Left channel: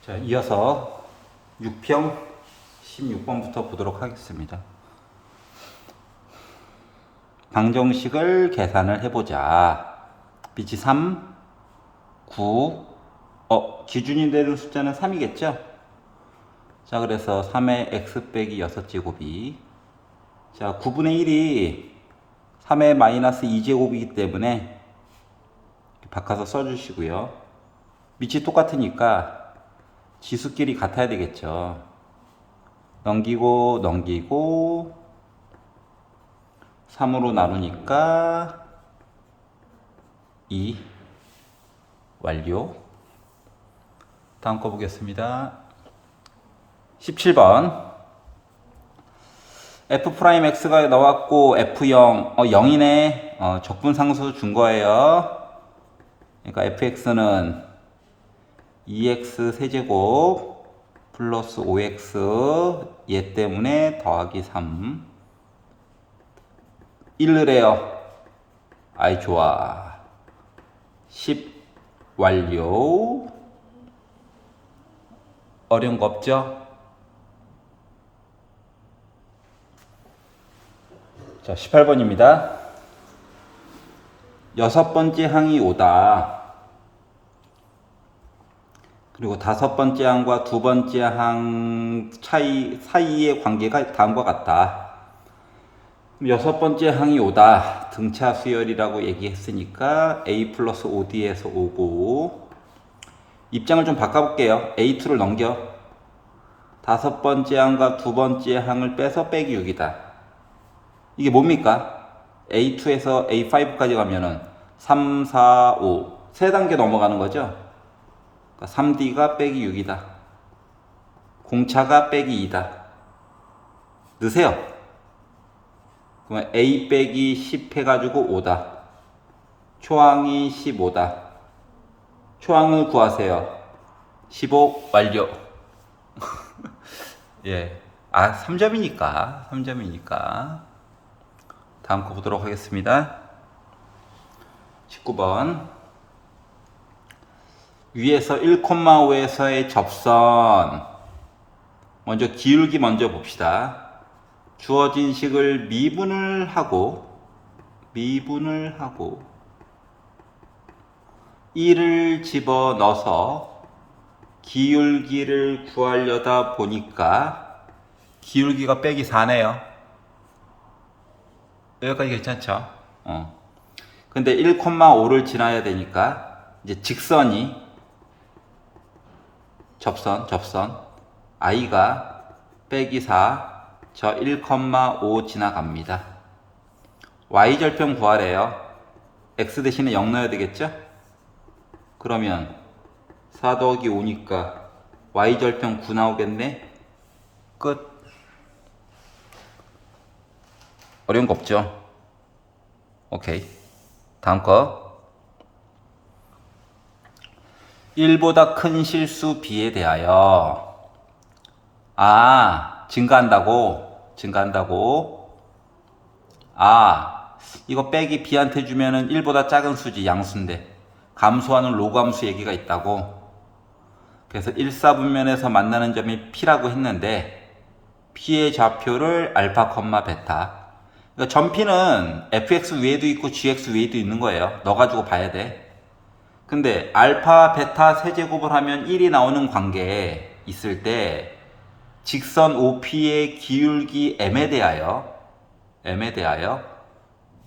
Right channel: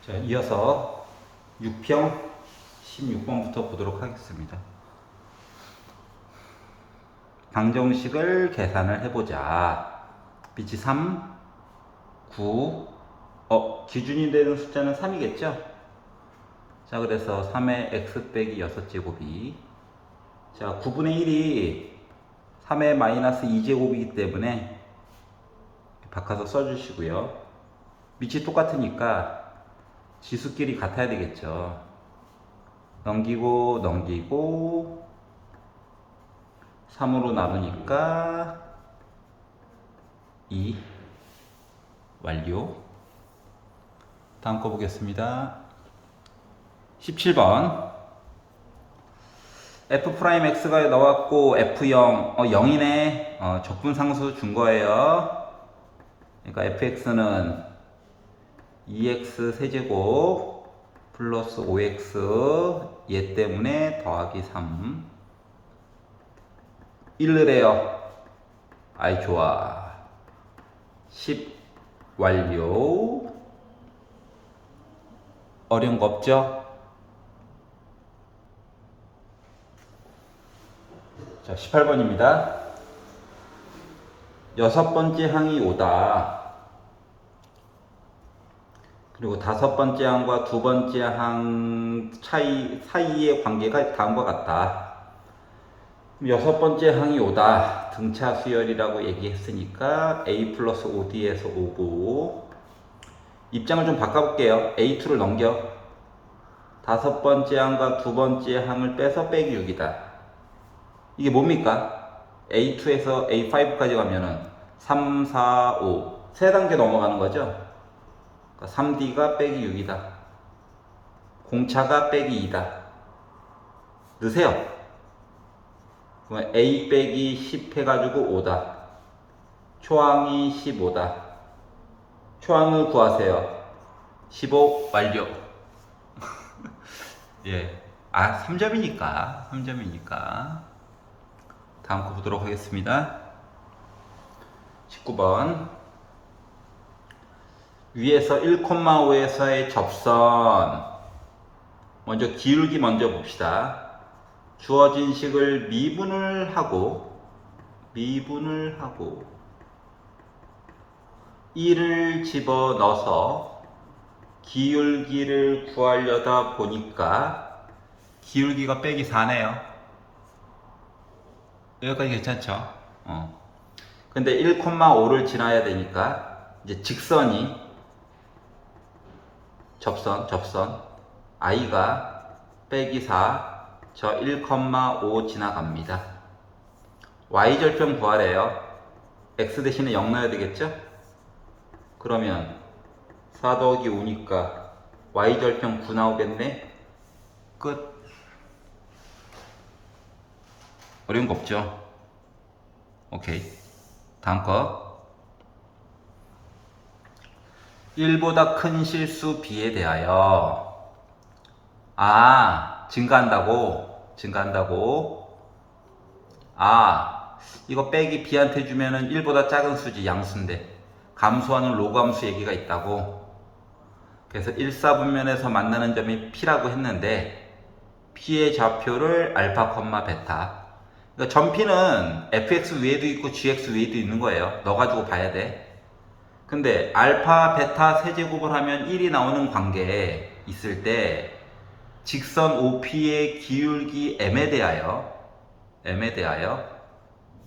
자, 이어서 6평 16번부터 보도록 하겠습니다. 방정식을 계산을 해보자. 빛이 3, 9, 기준이 되는 숫자는 3이겠죠? 자, 그래서 3의 x 빼기 6제곱이, 자, 9분의 1이 3의 마이너스 2제곱이기 때문에 바꿔서 써주시고요. 밑이 똑같으니까 지수끼리 같아야 되겠죠. 넘기고 3으로 나누니까 2. 완료. 다음 거 보겠습니다. 17번 f'x가 나왔고 f0 0이네. 적분상수 준 거예요. 그러니까 fx는 2x 세제곱 플러스 5x 얘 때문에 더하기 3 1래요. 아이 좋아. 10 완료. 어려운 거 없죠? 자, 18번입니다. 여섯 번째 항이 5다. 그리고 다섯 번째 항과 두 번째 항 사이의 관계가 다음과 같다. 여섯 번째 항이 5다. 등차 수열이라고 얘기했으니까 a 플러스 5d에서 5고, 입장을 좀 바꿔볼게요. a2를 넘겨. 다섯 번째 항과 두 번째 항을 빼서 빼기 6이다. 이게 뭡니까? a2에서 a5까지 가면은 3, 4, 5 세 단계 넘어가는 거죠. 3d가 빼기 6이다. 공차가 빼기 2다. 넣으세요. 그러면 a 빼기 10 해가지고 5다. 초항이 15다. 초항을 구하세요. 15 완료. 예. 3점이니까. 다음 거 보도록 하겠습니다. 19번. 위에서 1,5에서의 접선. 먼저 기울기 먼저 봅시다. 주어진 식을 미분을 하고 1을 집어넣어서 기울기를 구하려다 보니까 기울기가 빼기 4네요. 여기까지 괜찮죠? 근데 1,5를 지나야 되니까 이제 직선이 접선 i가 빼기 4 저 1,5 지나갑니다. y절편 구하래요. x 대신에 0 넣어야 되겠죠? 그러면 4 더하기 5니까 y절편 9 나오겠네. 끝. 어려운 거 없죠? 오케이. 다음 거. 1보다 큰 실수 b에 대하여 증가한다고 이거 빼기 b한테 주면은 1보다 작은 수지. 양수인데 감소하는 로그함수 얘기가 있다고. 그래서 1사분면에서 만나는 점이 p라고 했는데 p의 좌표를 알파, 베타. 그러니까 전 p는 fx 위에도 있고 gx 위에도 있는 거예요. 넣어가지고 봐야 돼. 근데 알파, 베타 세제곱을 하면 1이 나오는 관계에 있을 때 직선 OP의 기울기 M에 대하여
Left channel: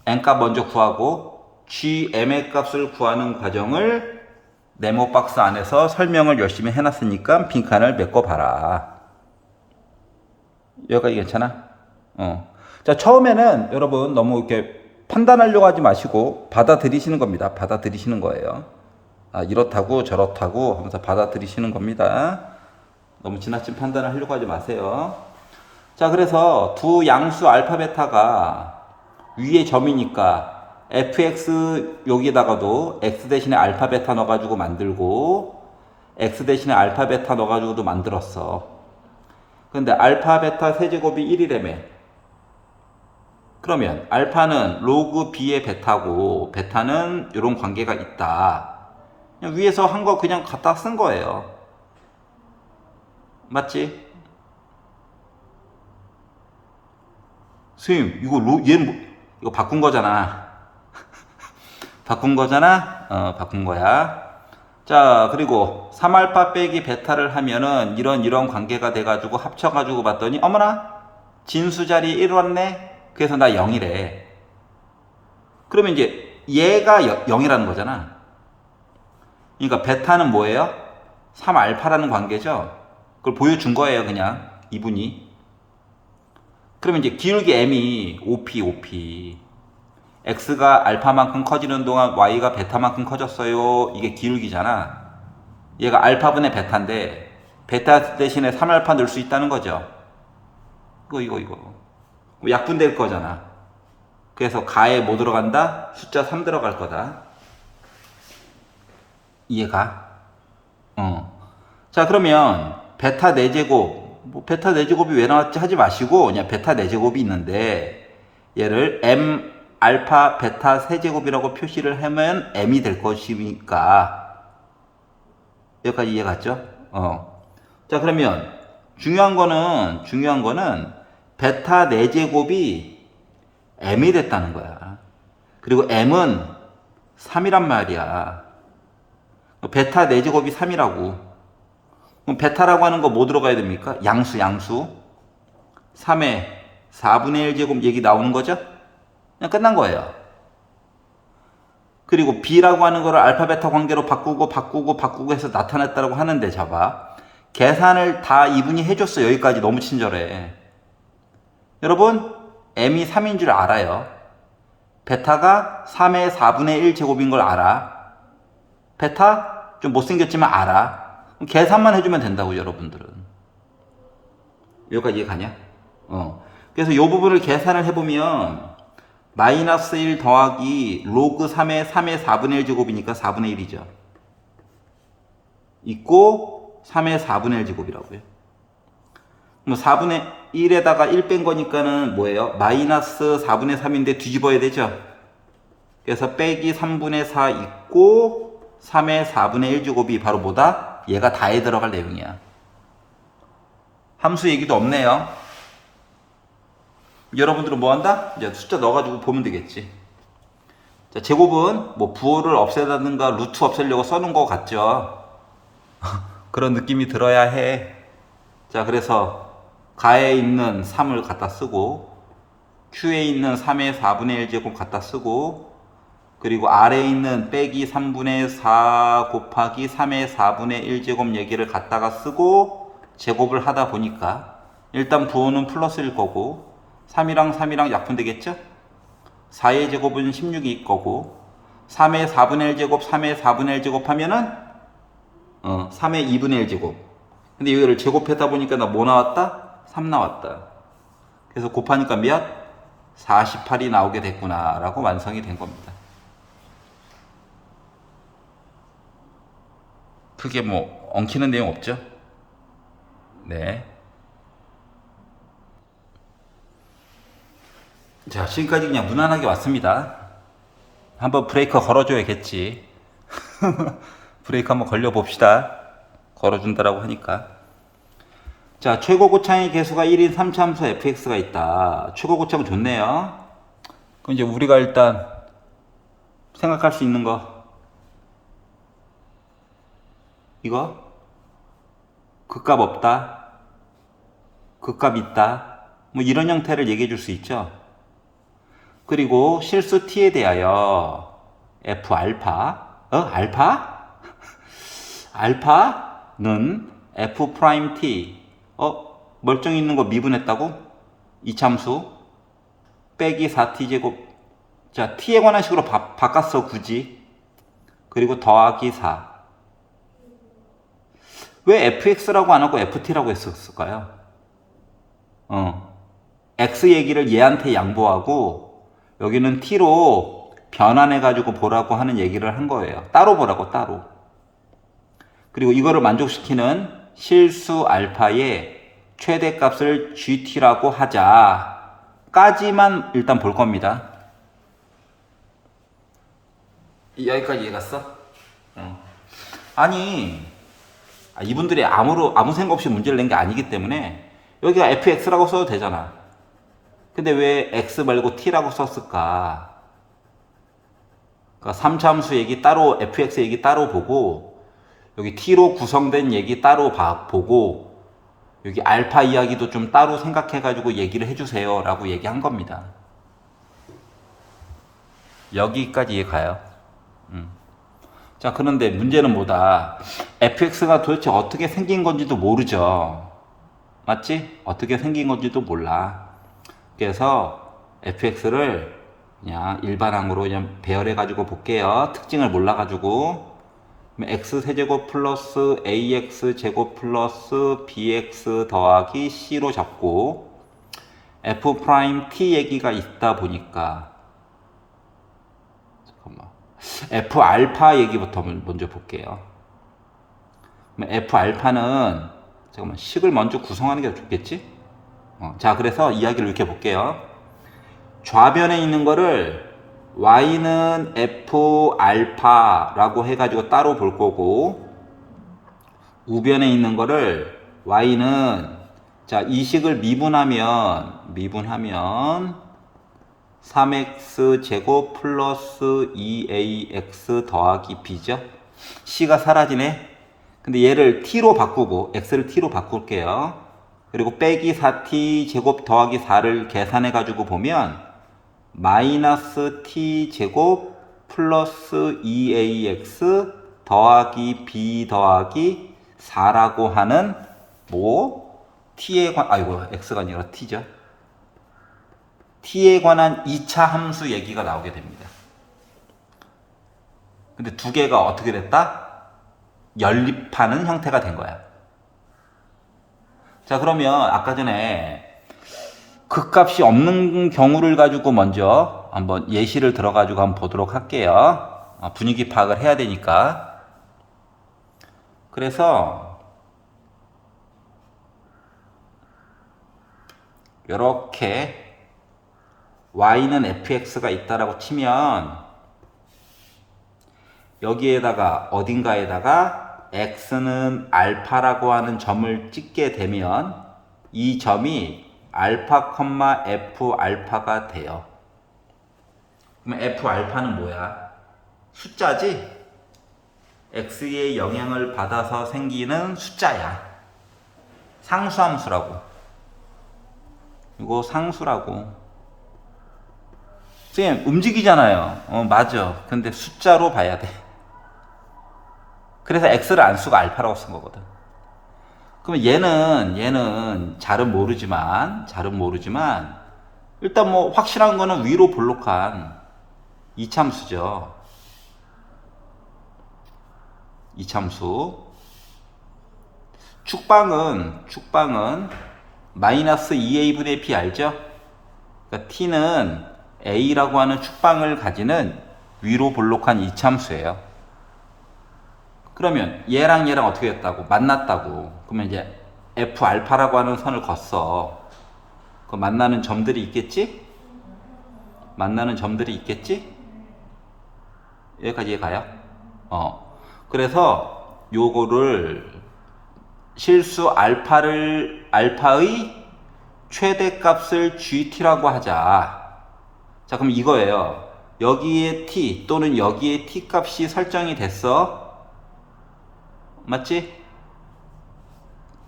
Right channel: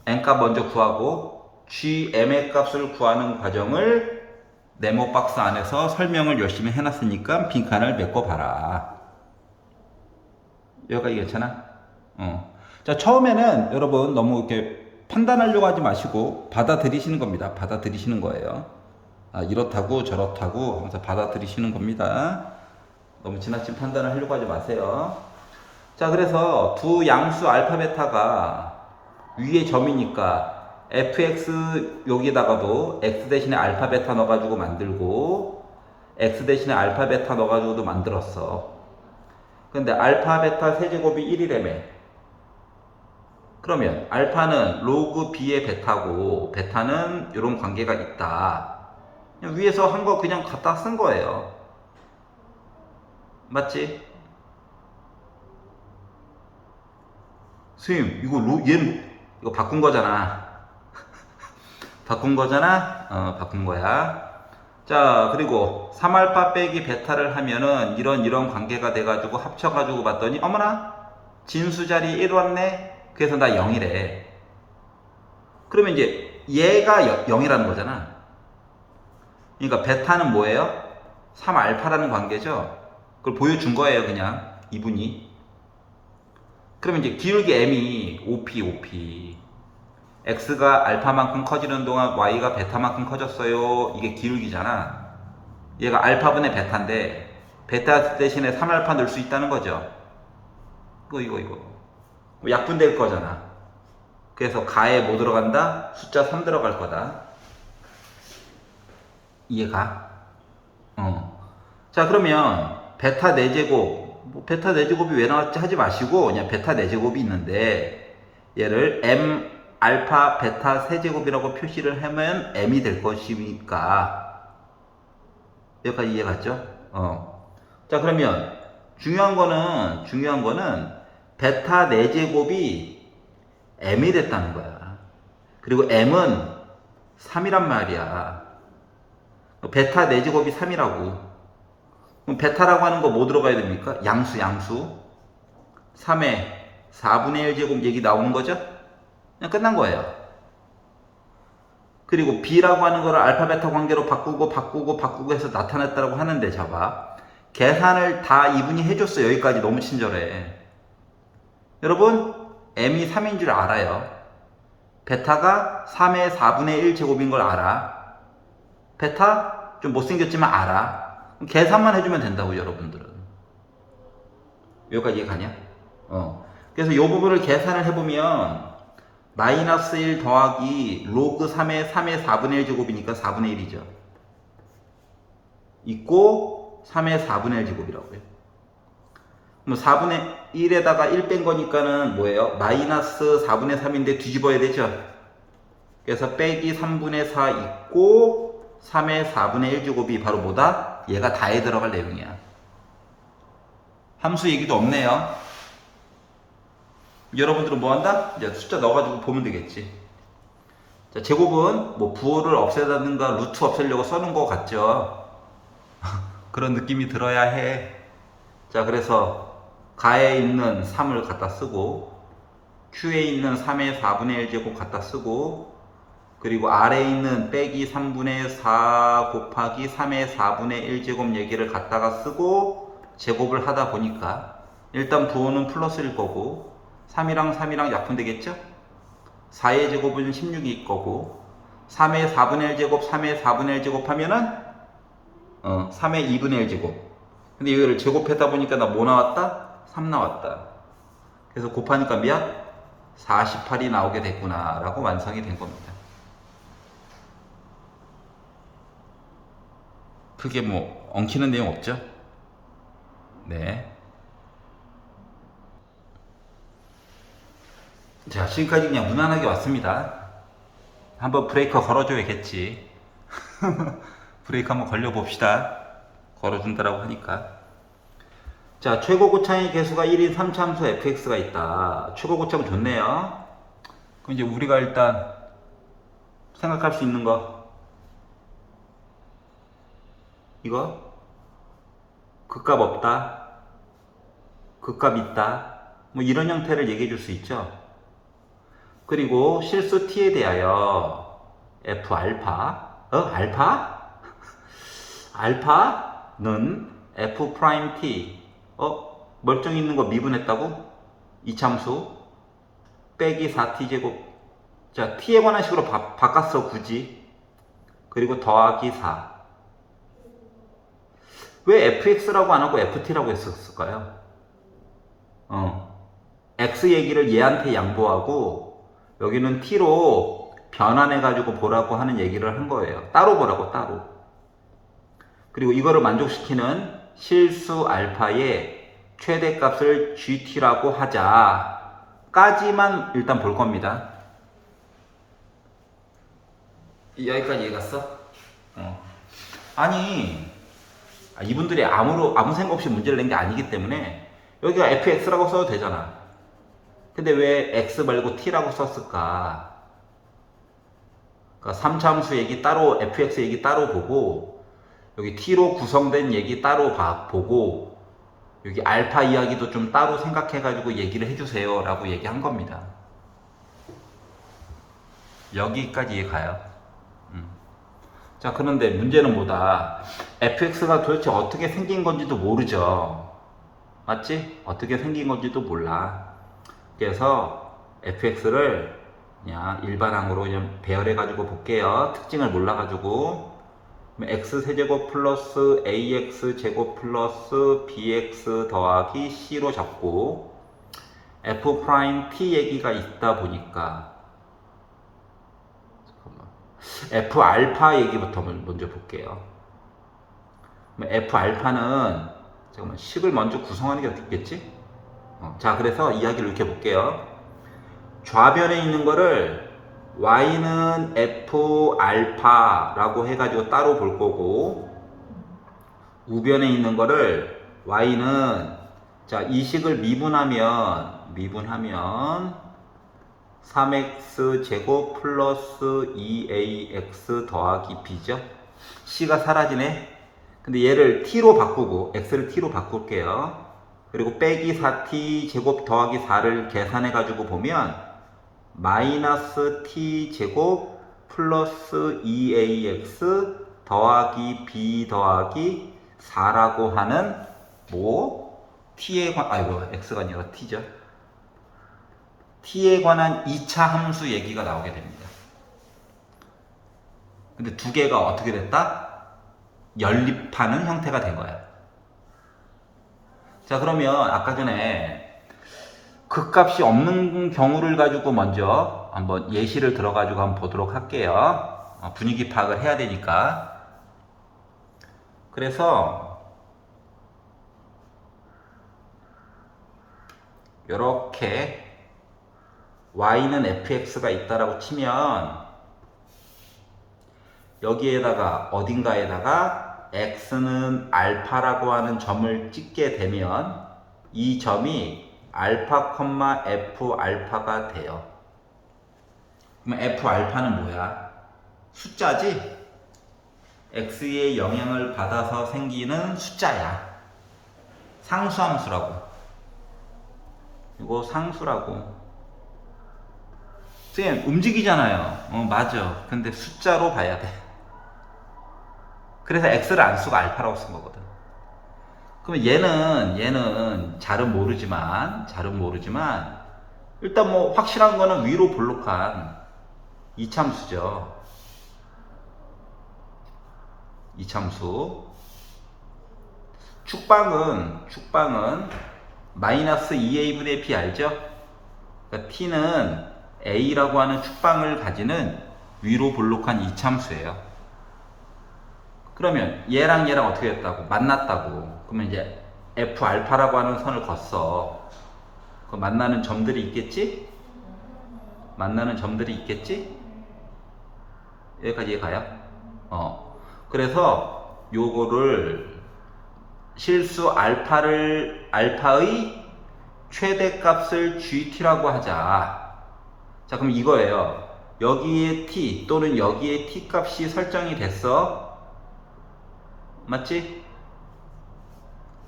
N값 먼저 구하고 GM의 값을 구하는 과정을 네모 박스 안에서 설명을 열심히 해놨으니까 빈칸을 메꿔봐라. 여기까지 괜찮아? 자, 처음에는 여러분 너무 이렇게 판단하려고 하지 마시고 받아들이시는 겁니다. 받아들이시는 거예요. 이렇다고 저렇다고 하면서 받아들이시는 겁니다. 너무 지나친 판단을 하려고 하지 마세요. 자, 그래서 두 양수 알파 베타가 위에 점이니까 fx 여기다가도 x 대신에 알파 베타 넣어가지고 만들고 x 대신에 알파 베타 넣어가지고도 만들었어. 근데 알파 베타 세제곱이 1이라며. 그러면 알파는 로그 b의 베타고 베타는 이런 관계가 있다. 그냥 위에서 한 거 그냥 갖다 쓴 거예요. 맞지? 선생님, 얘는 이거 바꾼 거잖아. 바꾼 거잖아? 바꾼 거야. 자, 그리고 3알파 빼기 베타를 하면은 이런 관계가 돼가지고 합쳐가지고 봤더니, 어머나! 진수 자리에 1 왔네? 그래서 나 0이래. 그러면 이제 얘가 0이라는 거잖아. 그러니까 베타는 뭐예요? 3알파라는 관계죠? 그걸 보여준 거예요, 그냥. 이분이. 그러면 이제 기울기 m이 OP. x가 알파만큼 커지는 동안 y가 베타만큼 커졌어요. 이게 기울기잖아. 얘가 알파분의 베타인데 베타 대신에 3알파 넣을 수 있다는 거죠. 이거. 약분될 거잖아. 그래서 가에 뭐 들어간다? 숫자 3 들어갈 거다. 이해가? 자, 그러면 베타 4제곱, 베타 4제곱이 왜 나왔지 하지 마시고 그냥 베타 4제곱이 있는데 얘를 m 알파 베타 세제곱이라고 표시를 하면 m이 될 것이니까 여기까지 이해 갔죠? 자, 그러면 중요한 거는 베타 4제곱이 m이 됐다는 거야. 그리고 m은 3이란 말이야. 베타 4제곱이 3이라고. 그럼 베타라고 하는 거 뭐 들어가야 됩니까? 양수. 3의 4분의 1제곱 얘기 나오는 거죠? 그냥 끝난 거예요. 그리고 b라고 하는 거를 알파 베타 관계로 바꾸고 해서 나타냈다고 하는데 잡아. 계산을 다 이분이 해줬어. 여기까지 너무 친절해. 여러분, m이 3인 줄 알아요. 베타가 3의 4분의 1 제곱인 걸 알아. 베타 좀 못생겼지만 알아. 계산만 해주면 된다고, 여러분들은. 여기까지 이해 가냐? 그래서 이 부분을 계산을 해보면 마이너스 1 더하기 로그 3의 4분의 1 제곱이니까 4분의 1이죠. 있고 3의 4분의 1 제곱이라고요. 뭐 4분의 1에다가 1 뺀 거니까는 뭐예요? 마이너스 4분의 3인데 뒤집어야 되죠. 그래서 빼기 3분의 4 있고 3의 4분의 1 제곱이 바로 뭐다? 얘가 다에 들어갈 내용이야. 함수 얘기도 없네요. 여러분들은 뭐 한다? 이제 숫자 넣어가지고 보면 되겠지. 자, 제곱은 뭐 부호를 없애다든가 루트 없애려고 써놓은 거 같죠? 그런 느낌이 들어야 해. 자, 그래서 가에 있는 3을 갖다 쓰고 Q에 있는 3의 4분의 1제곱 갖다 쓰고 그리고 R에 있는 빼기 3분의 4 곱하기 3의 4분의 1제곱 얘기를 갖다가 쓰고 제곱을 하다 보니까 일단 부호는 플러스일 거고 3이랑 약분되겠죠? 4의 제곱은 16일 거고 3의 4분의 1제곱 3의 4분의 1제곱 하면은 3의 2분의 1제곱. 근데 이거를 제곱하다 보니까 나 뭐 나왔다? 3 나왔다. 그래서 곱하니까 몇? 48이 나오게 됐구나 라고 완성이 된 겁니다. 크게 뭐 엉키는 내용 없죠? 네. 자, 지금까지 그냥 무난하게 왔습니다. 한번 브레이크 걸어줘야겠지. 브레이크 한번 걸려봅시다. 걸어준다라고 하니까. 자, 최고 고창의 개수가 1인 3차함수 fx가 있다. 최고 고창 좋네요. 그럼 이제 우리가 일단 생각할 수 있는 거. 이거? 극값 없다. 극값 있다. 뭐 이런 형태를 얘기해 줄 수 있죠. 그리고 실수 t에 대하여 f 알파. 알파? 알파는 f 프라임 t. 멀쩡히 있는 거 미분했다고? 이참수 빼기 4t 제곱. 자, t에 관한 식으로 바꿨어 굳이. 그리고 더하기 4. 왜 fx라고 안 하고 ft라고 했었을까요? x 얘기를 얘한테 양보하고 여기는 t로 변환해 가지고 보라고 하는 얘기를 한 거예요. 따로 보라고 따로. 그리고 이거를 만족시키는 실수 알파의 최대값을 gt라고 하자 까지만 일단 볼 겁니다. 여기까지 이해 갔어? 아니 이분들이 아무 생각 없이 문제를 낸 게 아니기 때문에 여기가 fx라고 써도 되잖아. 근데 왜 x 말고 t라고 썼을까? 그러니까 3차함수 얘기 따로, fx 얘기 따로 보고, 여기 t로 구성된 얘기 따로 보고, 여기 알파 이야기도 좀 따로 생각해가지고 얘기를 해주세요 라고 얘기한 겁니다. 여기까지 이해가요? 자, 그런데 문제는 뭐다? fx가 도대체 어떻게 생긴 건지도 모르죠. 맞지? 어떻게 생긴 건지도 몰라. 그래서 fx를 그냥 일반항으로 그냥 배열해가지고 볼게요. 특징을 몰라가지고. x세제곱 플러스 ax제곱 플러스 bx 더하기 c로 적고, f't 얘기가 있다 보니까, f알파 얘기부터 먼저 볼게요. f알파는 잠깐만 식을 먼저 구성하는 게 좋겠지? 자, 그래서 이야기를 이렇게 볼게요. 좌변에 있는 거를 y는 f알파라고 해가지고 따로 볼 거고, 우변에 있는 거를 y는, 자, 이 식을 미분하면 3x 제곱 플러스 2ax 더하기 b죠. c가 사라지네. 근데 얘를 t로 바꾸고, x를 t로 바꿀게요. 그리고 빼기 4t 제곱 더하기 4를 계산해 가지고 보면 마이너스 t 제곱 플러스 2ax 더하기 b 더하기 4라고 하는 t에 x가 아니라 t죠. t에 관한 2차 함수 얘기가 나오게 됩니다. 근데 두 개가 어떻게 됐다? 연립하는 형태가 된 거야. 자, 그러면 아까 전에 극값이 없는 경우를 가지고 먼저 한번 예시를 들어가지고 한번 보도록 할게요. 분위기 파악을 해야 되니까. 그래서 이렇게 y는 fx가 있다라고 치면 여기에다가 어딘가에다가 x는 알파라고 하는 점을 찍게 되면 이 점이 알파, f 알파가 돼요. 그러면 f 알파는 뭐야? 숫자지? x의 영향을 받아서 생기는 숫자야. 상수함수라고. 이거 상수라고. 쌤, 움직이잖아요. 맞아. 근데 숫자로 봐야 돼. 그래서 x를 안 쓰고 알파라고 쓴 거거든. 그러면 얘는 잘은 모르지만 일단 뭐 확실한 거는 위로 볼록한 이참수죠. 이참수. 축방은 마이너스 2a분의 b 알죠? 그러니까 t는 a라고 하는 축방을 가지는 위로 볼록한 이참수예요. 그러면 얘랑 어떻게 됐다고? 만났다고. 그러면 이제 f 알파라고 하는 선을 걷어. 그 만나는 점들이 있겠지? 여기까지 가요? 그래서 요거를 실수 알파의 최대값을 gt라고 하자. 자, 그럼 이거예요. 여기에 t 또는 여기에 t 값이 설정이 됐어. 맞지?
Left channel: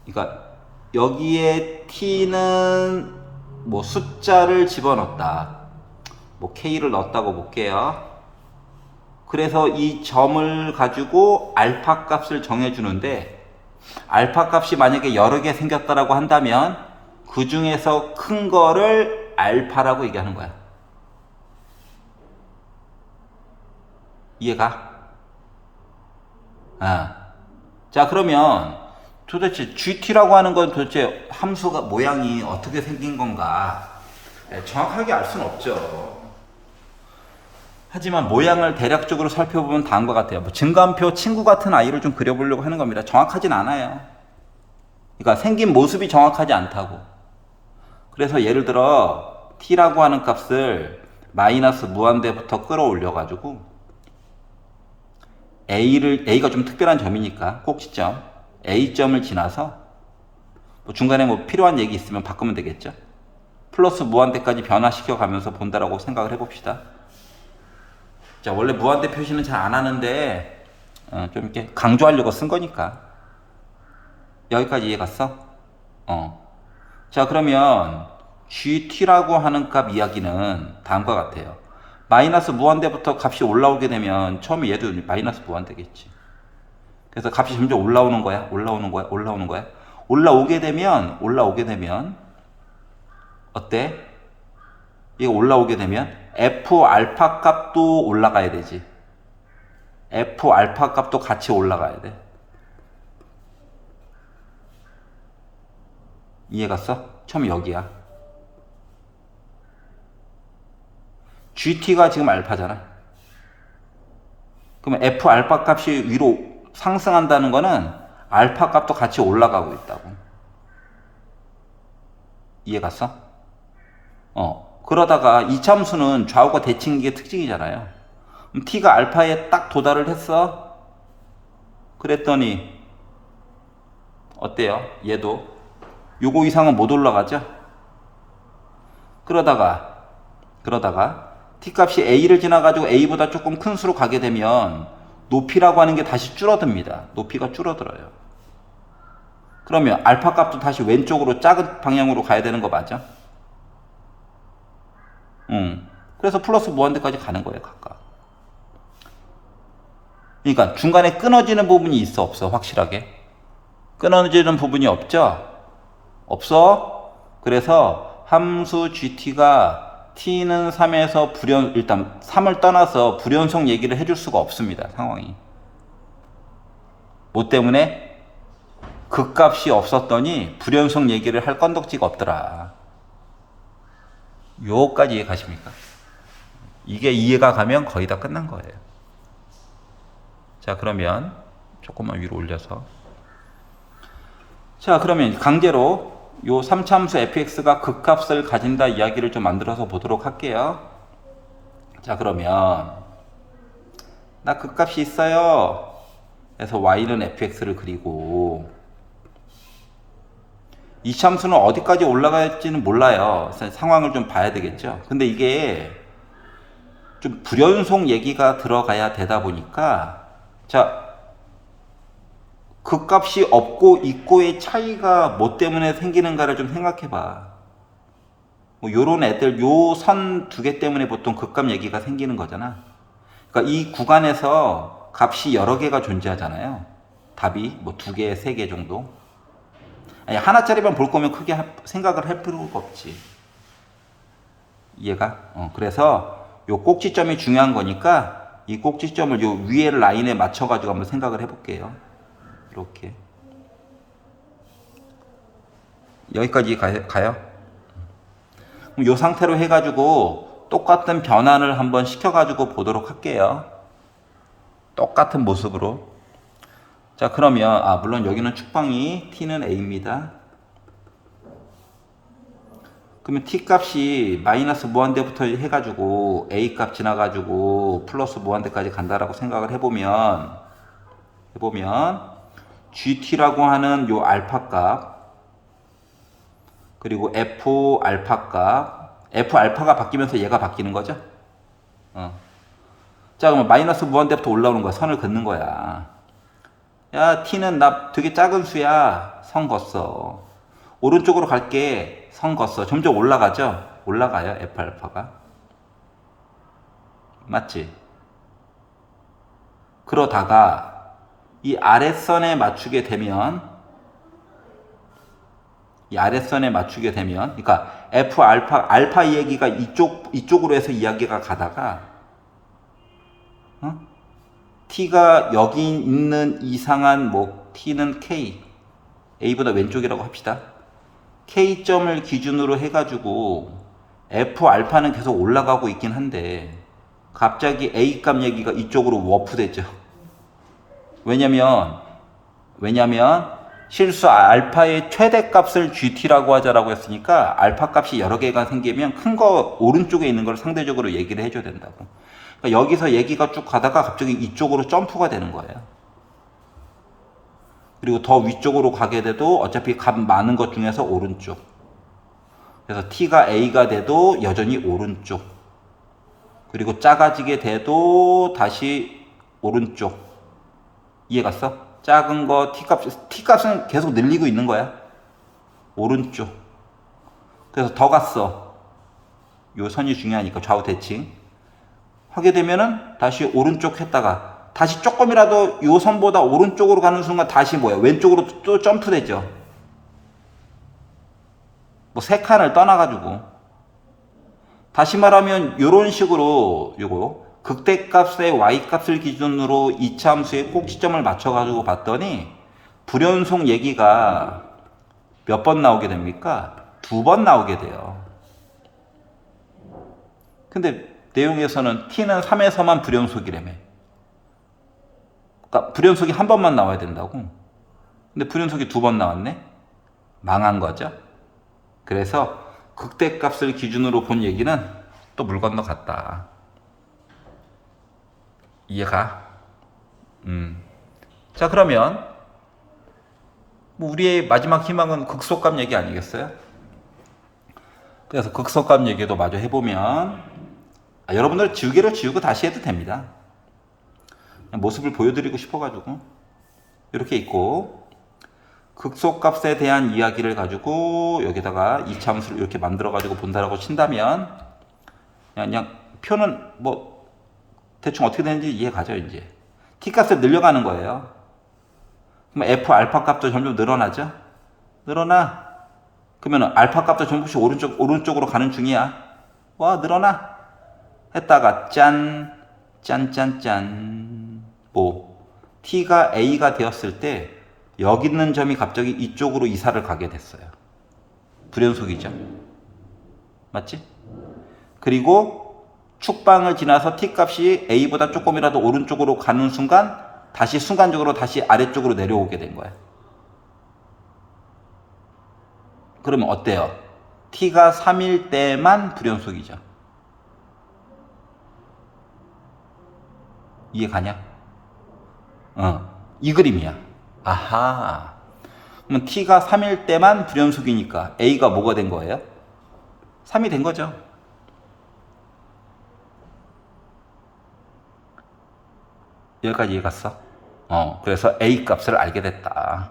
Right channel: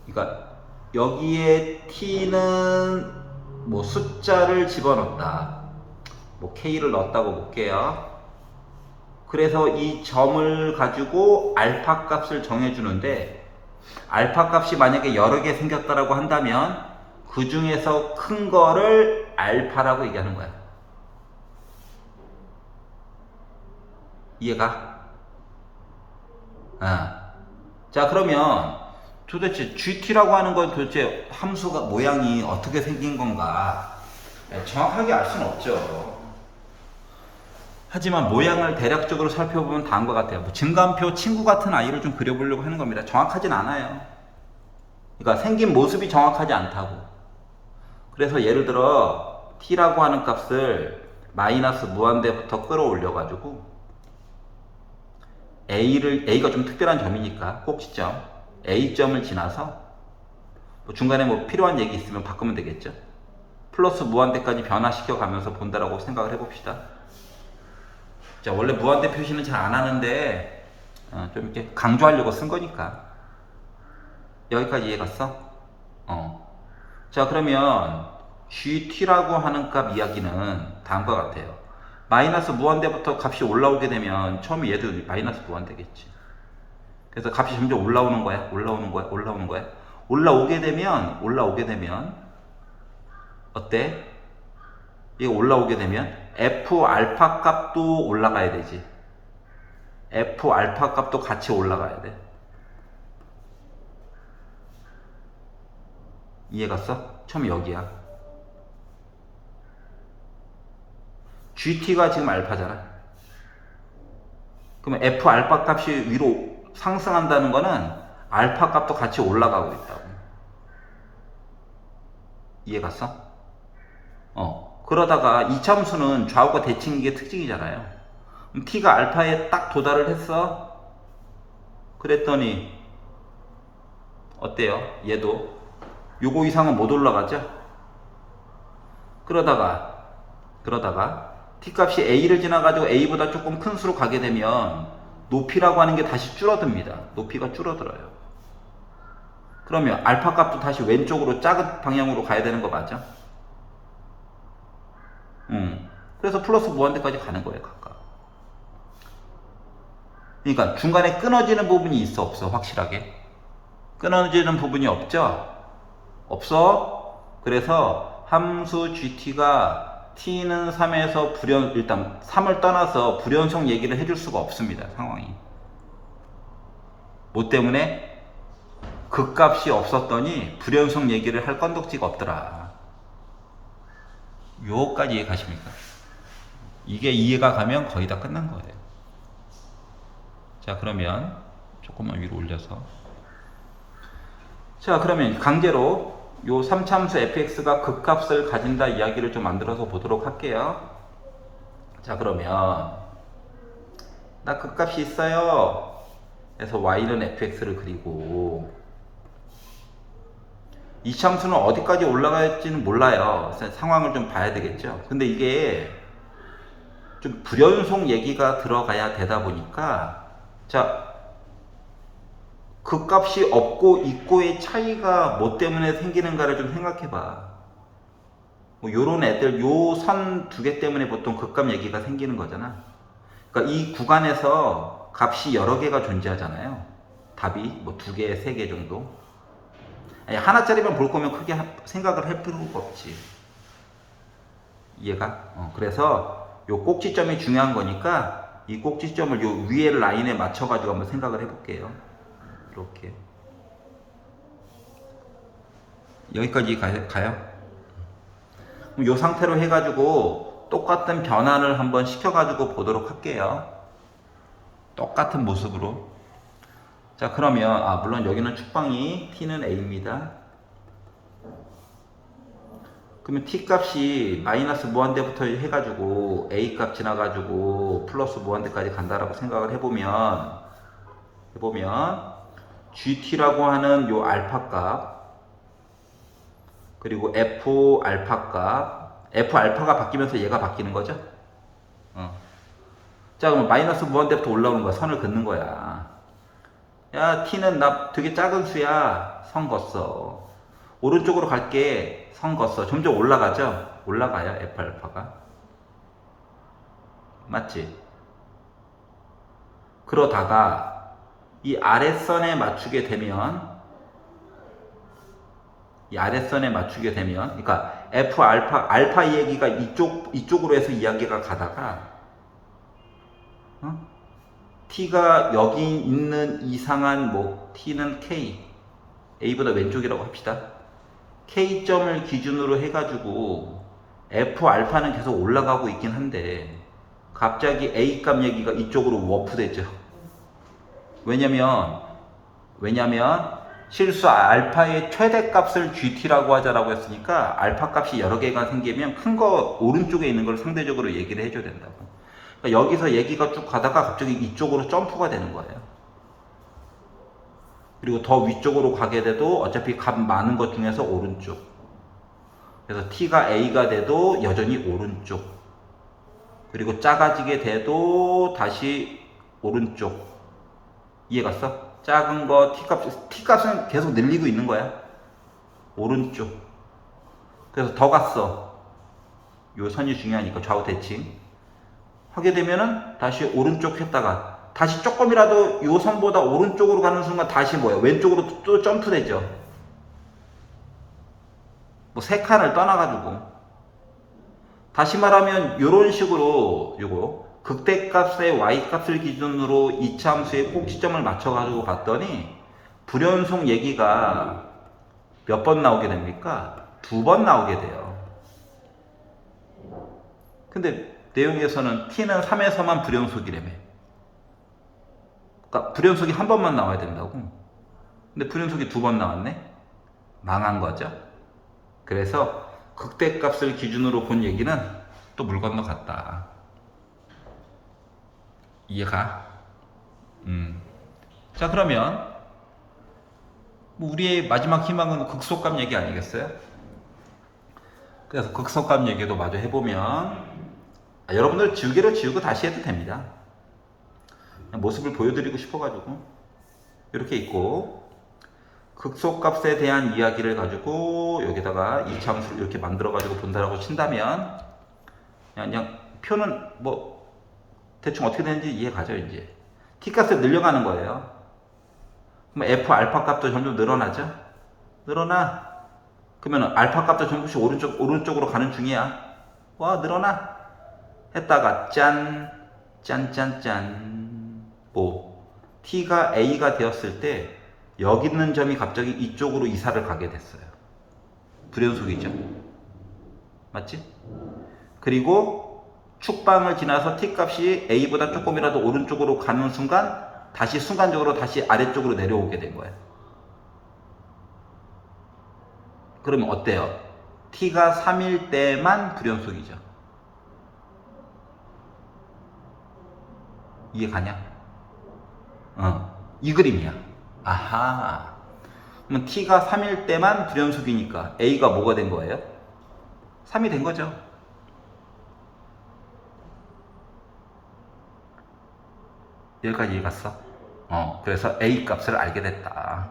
그러니까 여기에 t는 뭐 숫자를 집어넣었다. 뭐 k를 넣었다고 볼게요. 그래서 이 점을 가지고 알파 값을 정해주는데, 알파 값이 만약에 여러 개 생겼다라고 한다면 그 중에서 큰 거를 알파라고 얘기하는 거야. 이해가? 자, 그러면 도대체 GT라고 하는 건 도대체 함수가 모양이 어떻게 생긴 건가? 정확하게 알 수는 없죠. 하지만 모양을 대략적으로 살펴보면 다인 것 같아요. 뭐 증가함표 친구 같은 아이를 좀 그려보려고 하는 겁니다. 정확하진 않아요. 그러니까 생긴 모습이 정확하지 않다고. 그래서 예를 들어 t라고 하는 값을 마이너스 무한대부터 끌어올려 가지고 a가 좀 특별한 점이니까 꼭지점 A점을 지나서 뭐 중간에 뭐 필요한 얘기 있으면 바꾸면 되겠죠. 플러스 무한대까지 변화시켜 가면서 본다라고 생각을 해봅시다. 자, 원래 무한대 표시는 잘 안 하는데 좀 이렇게 강조하려고 쓴 거니까. 여기까지 이해 갔어? 자, 그러면 GT라고 하는 값 이야기는 다음과 같아요. 마이너스 무한대부터 값이 올라오게 되면 처음에 얘도 마이너스 무한대겠지. 그래서 값이 점점 올라오는 거야. 올라오게 되면 어때? 이거 올라오게 되면 F 알파 값도 올라가야 되지. F 알파 값도 같이 올라가야 돼. 이해 갔어? 처음 여기야. GT가 지금 알파잖아. 그러면 F 알파 값이 위로 상승한다는 거는 알파 값도 같이 올라가고 있다고. 이해 갔어? 그러다가 이참수는 좌우가 대칭인 게 특징이잖아요. 그럼 t가 알파에 딱 도달을 했어. 그랬더니 어때요? 얘도 요거 이상은 못 올라가죠? 그러다가 t 값이 a를 지나가지고 a보다 조금 큰 수로 가게 되면 높이라고 하는 게 다시 줄어듭니다. 높이가 줄어들어요. 그러면 알파 값도 다시 왼쪽으로 작은 방향으로 가야 되는 거 맞아? 그래서 플러스 무한대까지 가는 거예요, 각각. 그러니까 중간에 끊어지는 부분이 있어, 없어? 확실하게 끊어지는 부분이 없죠? 없어? 그래서 함수 gt가 t는 3에서 일단 3을 떠나서 불연속 얘기를 해줄 수가 없습니다, 상황이. 뭐 때문에? 극값이 없었더니 불연속 얘기를 할 건덕지가 없더라. 요까지 이해 가십니까? 이게 이해가 가면 거의 다 끝난 거예요. 자, 그러면 조금만 위로 올려서, 자, 그러면 강제로 요 3참수 fx가 극값을 가진다 이야기를 좀 만들어서 보도록 할게요. 자, 그러면 나 극값이 있어요. 그래서 y는 fx를 그리고 이 참수는 어디까지 올라갈지는 몰라요. 상황을 좀 봐야 되겠죠. 근데 이게 좀 불연속 얘기가 들어가야 되다 보니까, 자, 극값이 없고 있고의 차이가 뭐 때문에 생기는가를 좀 생각해 봐. 뭐 요런 애들, 요 선 두 개 때문에 보통 극값 얘기가 생기는 거잖아. 그러니까 이 구간에서 값이 여러 개가 존재하잖아요. 답이 뭐 두 개, 세 개 정도. 아니, 하나짜리만 볼 거면 크게 생각을 할 필요가 없지. 이해가? 그래서 요 꼭지점이 중요한 거니까 이 꼭지점을 요 위에 라인에 맞춰가지고 한번 생각을 해볼게요. 이렇게. 여기까지 가요? 그럼 요 상태로 해가지고 똑같은 변환을 한번 시켜가지고 보도록 할게요. 똑같은 모습으로. 자, 그러면 물론 여기는 축방이 t는 a입니다. 그러면 t 값이 마이너스 무한대부터 해가지고 a 값 지나가지고 플러스 무한대까지 간다라고 생각을 해보면 gt라고 하는 요 알파 값, 그리고 f 알파 값, f 알파가 바뀌면서 얘가 바뀌는 거죠. 자, 그러면 마이너스 무한대부터 올라오는 거야. 선을 긋는 거야. 야, t는 나 되게 작은 수야. 선 걷어. 오른쪽으로 갈게. 선 걷어. 점점 올라가죠? 올라가요, f 알파가. 맞지? 그러다가 이 아랫선에 맞추게 되면, 그러니까 f 알파 이야기가 이쪽으로 해서 이야기가 가다가, t가 여기 있는 이상한 뭐 t는 k, a보다 왼쪽이라고 합시다. k점을 기준으로 해가지고 f 알파는 계속 올라가고 있긴 한데 갑자기 a 값 얘기가 이쪽으로 워프되죠. 왜냐면 실수 알파의 최대값을 gt라고 하자라고 했으니까 알파 값이 여러 개가 생기면 큰 거 오른쪽에 있는 걸 상대적으로 얘기를 해줘야 된다고. 그러니까 여기서 얘기가 쭉 가다가 갑자기 이쪽으로 점프가 되는 거예요. 그리고 더 위쪽으로 가게 돼도 어차피 값 많은 것 중에서 오른쪽. 그래서 t가 a가 돼도 여전히 오른쪽. 그리고 작아지게 돼도 다시 오른쪽. 이해갔어? 작은 거 t값은 계속 늘리고 있는 거야. 오른쪽. 그래서 더 갔어. 요 선이 중요하니까 좌우 대칭. 하게 되면은 다시 오른쪽 했다가 다시 조금이라도 요 선보다 오른쪽으로 가는 순간 다시 뭐야? 왼쪽으로 또 점프되죠. 뭐 세 칸을 떠나가지고. 다시 말하면 요런 식으로 요거 극대값의 y값을 기준으로 이차함수의 꼭지점을 맞춰가지고 봤더니 불연속 얘기가 몇 번 나오게 됩니까? 2번 나오게 돼요. 근데 내용에서는 t는 3에서만 불연속이라며. 그러니까 불연속이 한 번만 나와야 된다고. 근데 불연속이 2번 나왔네? 망한 거죠. 그래서 극대값을 기준으로 본 얘기는 또 물 건너갔다. 이해가? 자, 그러면 뭐 우리의 마지막 희망은 극소값 얘기 아니겠어요? 그래서 극소값 얘기도 마저 해보면 여러분들 지우개를 지우고 다시 해도 됩니다. 모습을 보여드리고 싶어가지고 이렇게 있고 극소값에 대한 이야기를 가지고 여기다가 이차함수를 이렇게 만들어가지고 본다라고 친다면 그냥 표는 뭐 대충 어떻게 되는지 이해 가죠. 이제 t값을 늘려가는 거예요. 그럼 f 알파 값도 점점 늘어나죠. 늘어나. 그러면 알파 값도 전부씩 오른쪽으로 가는 중이야. 와 늘어나. 했다가 짠 뭐 t가 a가 되었을 때 여기 있는 점이 갑자기 이쪽으로 이사를 가게 됐어요. 불연속이죠. 맞지? 그리고 축방을 지나서 t값이 a보다 조금이라도 오른쪽으로 가는 순간 다시 순간적으로 다시 아래쪽으로 내려오게 된 거예요. 그러면 어때요? t가 3일 때만 불연속이죠. 이해 가냐? 이 그림이야. 아하. 그럼 t가 3일 때만 불연속이니까 a가 뭐가 된 거예요? 3이 된 거죠. 여기까지 이해 갔어? 그래서 a 값을 알게 됐다.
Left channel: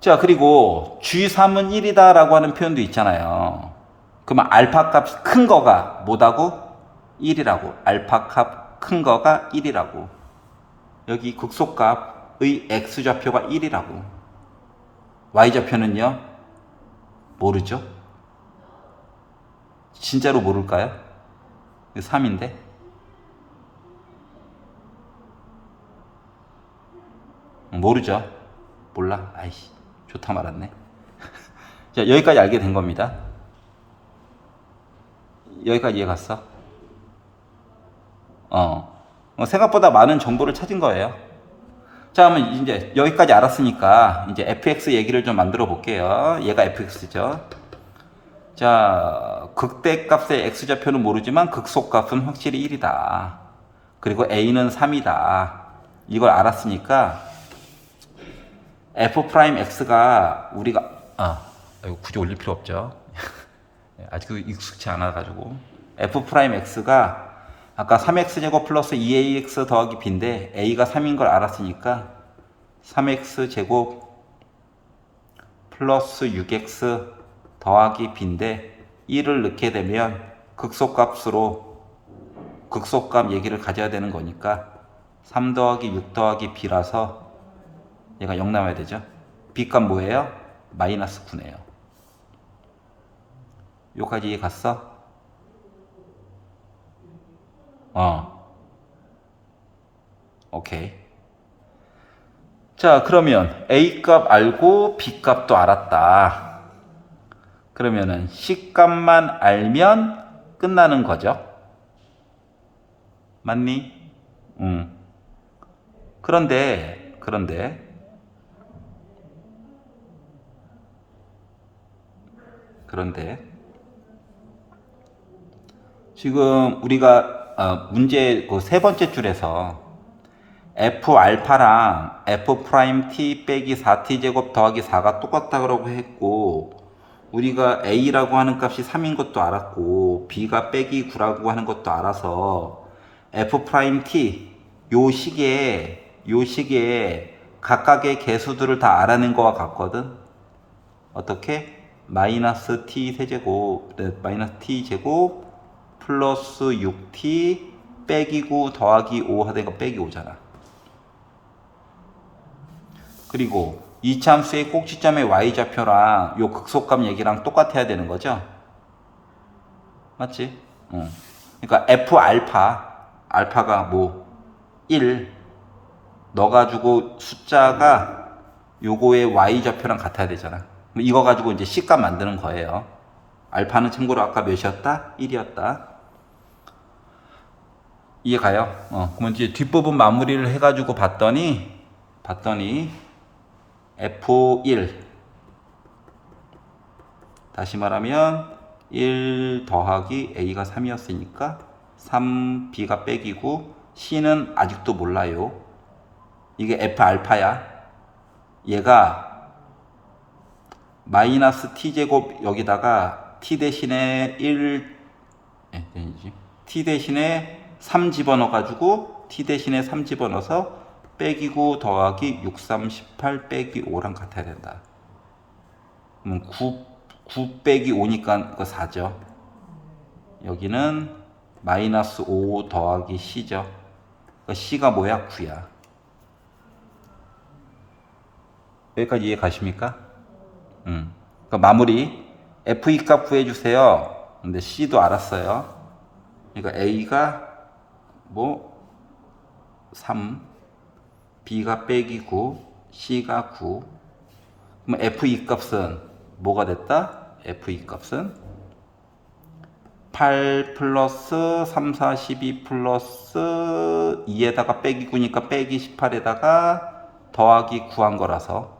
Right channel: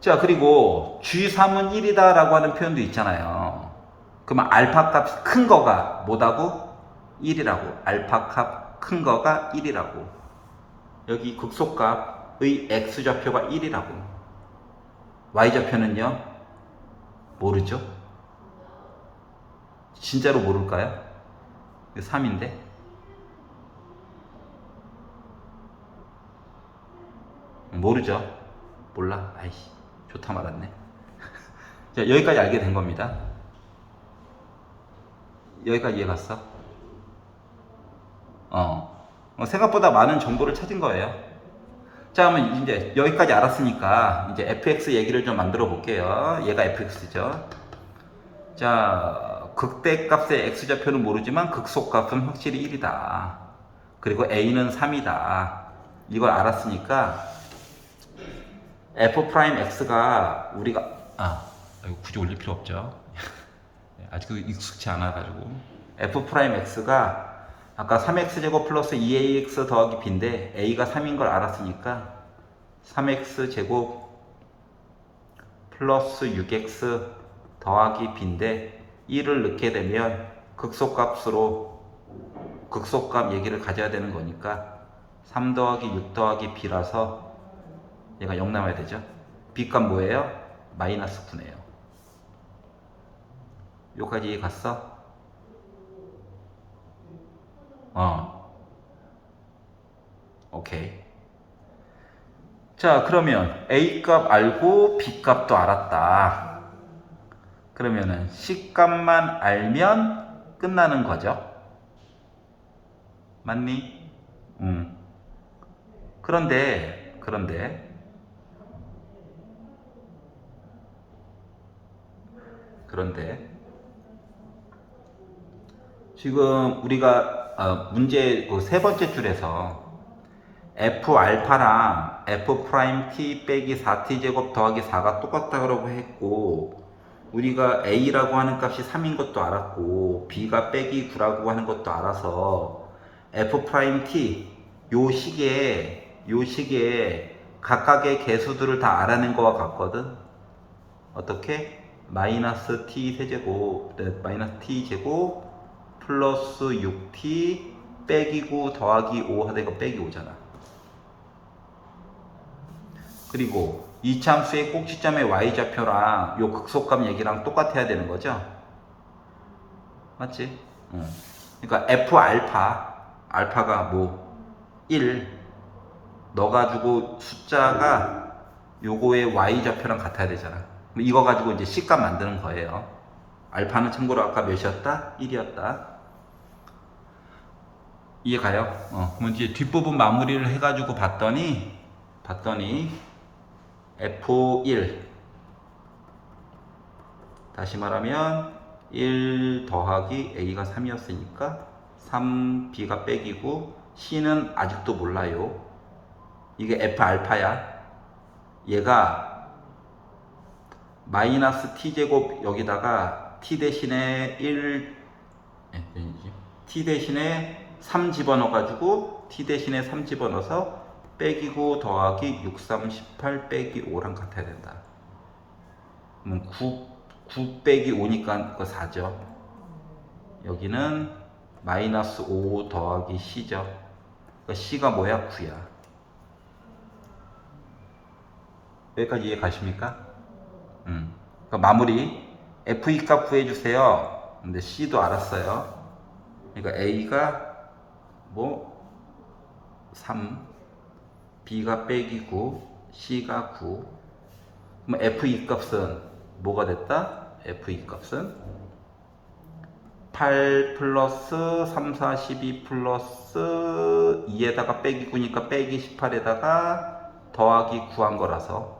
자, 그리고 G3은 1이다 라고 하는 표현도 있잖아요. 그러면 알파 값 큰 거가 뭐다고? 1이라고. 알파 값 큰 거가 1이라고. 여기 극소값의 x좌표가 1이라고. y좌표는요? 모르죠? 진짜로 모를까요? 3인데? 모르죠? 몰라? 아이씨, 좋다 말았네. 자, 여기까지 알게 된 겁니다. 여기까지 이해 갔어? 생각보다 많은 정보를 찾은 거예요. 자, 그러면 이제 여기까지 알았으니까 이제 fx 얘기를 좀 만들어 볼게요. 얘가 fx죠. 자, 극대값의 x좌표는 모르지만 극소값은 확실히 1이다. 그리고 a는 3이다. 이걸 알았으니까 f'x가 우리가 이거 굳이 올릴 필요 없죠. 아직 익숙치 않아 가지고 f'x가 아까 3x제곱 플러스 2ax 더하기 b인데 a가 3인 걸 알았으니까 3x제곱 플러스 6x 더하기 b인데 1을 넣게 되면 극소값으로 극소값 얘기를 가져야 되는 거니까 3 더하기 6 더하기 b라서 얘가 0 나와야 되죠. b값 뭐예요? 마이너스 9네요. 여기까지 이해 갔어? 오케이. 자, 그러면 A값 알고 B값도 알았다. 그러면은 C값만 알면 끝나는 거죠. 맞니? 그런데 지금 우리가 문제 그 세 번째 줄에서 f 알파랑 f 프라임 t 빼기 4t 제곱 더하기 4가 똑같다고 했고, 우리가 a라고 하는 값이 3인 것도 알았고 b가 빼기 9라고 하는 것도 알아서 f 프라임 t 요 식에 각각의 개수들을 다 알아낸 거와 같거든. 어떻게? 마이너스 t 세제곱, 마이너스 t 제곱 플러스 6t 빼기 9 더하기 5 하던 거 빼기 5잖아. 그리고 이차함수의 꼭지점의 y좌표랑 요 극소값 얘기랑 똑같아야 되는 거죠. 맞지? 그러니까 f 알파가 뭐 1 넣어가지고 숫자가 요거의 y좌표랑 같아야 되잖아. 이거 가지고 이제 C값 만드는 거예요. 알파는 참고로 아까 몇이었다? 1이었다. 이해가요? 그러면 이제 뒷부분 마무리를 해가지고 봤더니 F1 다시 말하면 1 더하기 A가 3이었으니까 3 B가 빼기고 C는 아직도 몰라요. 이게 F 알파야. 얘가 마이너스 T제곱 여기다가 T 대신에 3 집어넣어가지고 T 대신에 3 집어넣어서 빼기 9 더하기 6, 3, 18 빼기 5랑 같아야 된다. 9 빼기 5니까 그 4죠. 여기는 마이너스 5 더하기 C죠. 그 C가 뭐야? 9야. 여기까지 이해 가십니까? 그러니까 마무리 F2 값 구해주세요. 근데 C도 알았어요. 그러니까 A가 뭐 3, B가 빼기 9, C가 9. 그럼 F2 값은 뭐가 됐다? F2 값은 8 플러스 3, 4, 12 플러스 2에다가 빼기 9니까 빼기 18에다가 더하기 9 한 거라서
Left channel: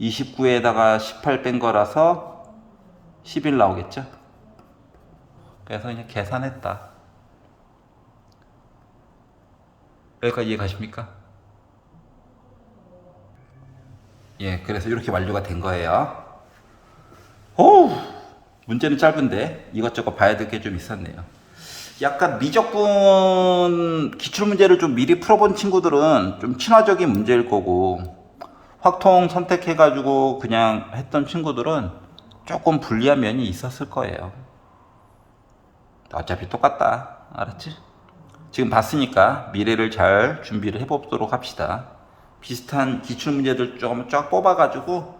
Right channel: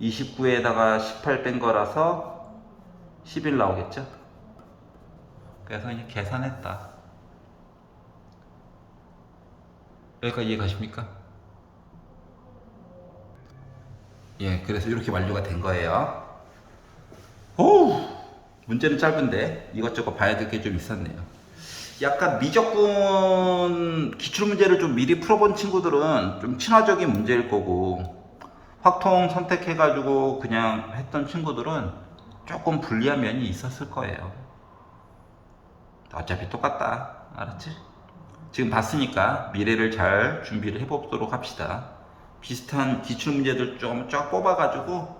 29에다가 18 뺀 거라서 11 나오겠죠? 그래서 그냥 계산했다. 여기까지 이해 가십니까? 예, 그래서 이렇게 완료가 된 거예요. 오, 문제는 짧은데 이것저것 봐야 될 게 좀 있었네요. 약간 미적분 기출문제를 좀 미리 풀어본 친구들은 좀 친화적인 문제일 거고, 확통 선택해가지고 그냥 했던 친구들은 조금 불리한 면이 있었을 거예요. 어차피 똑같다. 알았지? 지금 봤으니까 미래를 잘 준비를 해보도록 합시다. 비슷한 기출문제들 좀 쫙 뽑아가지고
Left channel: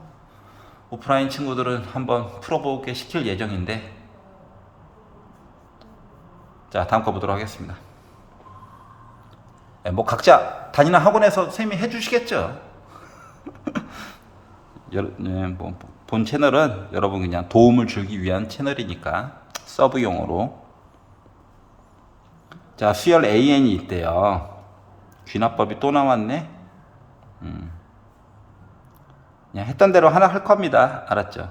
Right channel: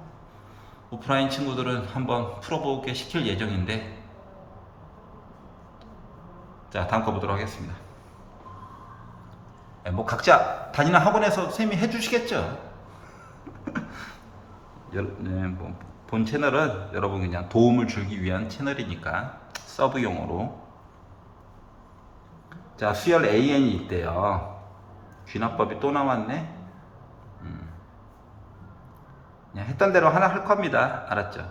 오프라인 친구들은 한번 풀어보게 시킬 예정인데, 자, 다음 거 보도록 하겠습니다. 뭐 각자 다니는 학원에서 선생님이 해주시겠죠. 본 채널은 여러분 그냥 도움을 주기 위한 채널이니까 서브용으로. 자, 수열 AN이 있대요. 귀납법이 또 나왔네. 그냥 했던 대로 하나 할 겁니다. 알았죠?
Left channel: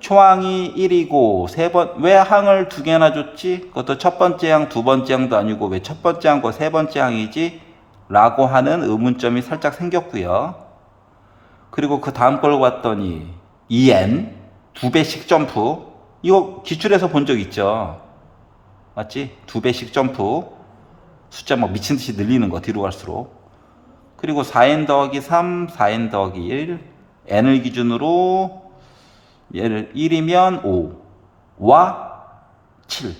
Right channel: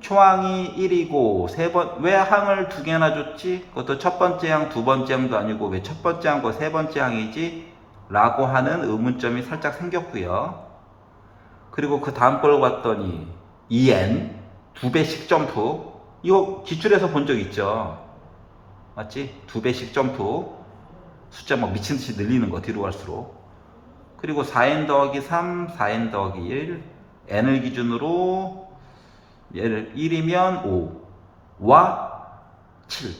초항이 1이고 왜 항을 두 개나 줬지? 그것도 첫 번째 항, 두 번째 항도 아니고 왜 첫 번째 항과 세 번째 항이지? 라고 하는 의문점이 살짝 생겼고요. 그리고 그 다음 걸 봤더니 EN 두 배씩 점프, 이거 기출에서 본 적 있죠? 맞지? 두 배씩 점프, 숫자 막 미친듯이 늘리는 거 뒤로 갈수록. 그리고 4n 더하기 3, 4n 더하기 1, n을 기준으로 얘를 1이면 5와 7,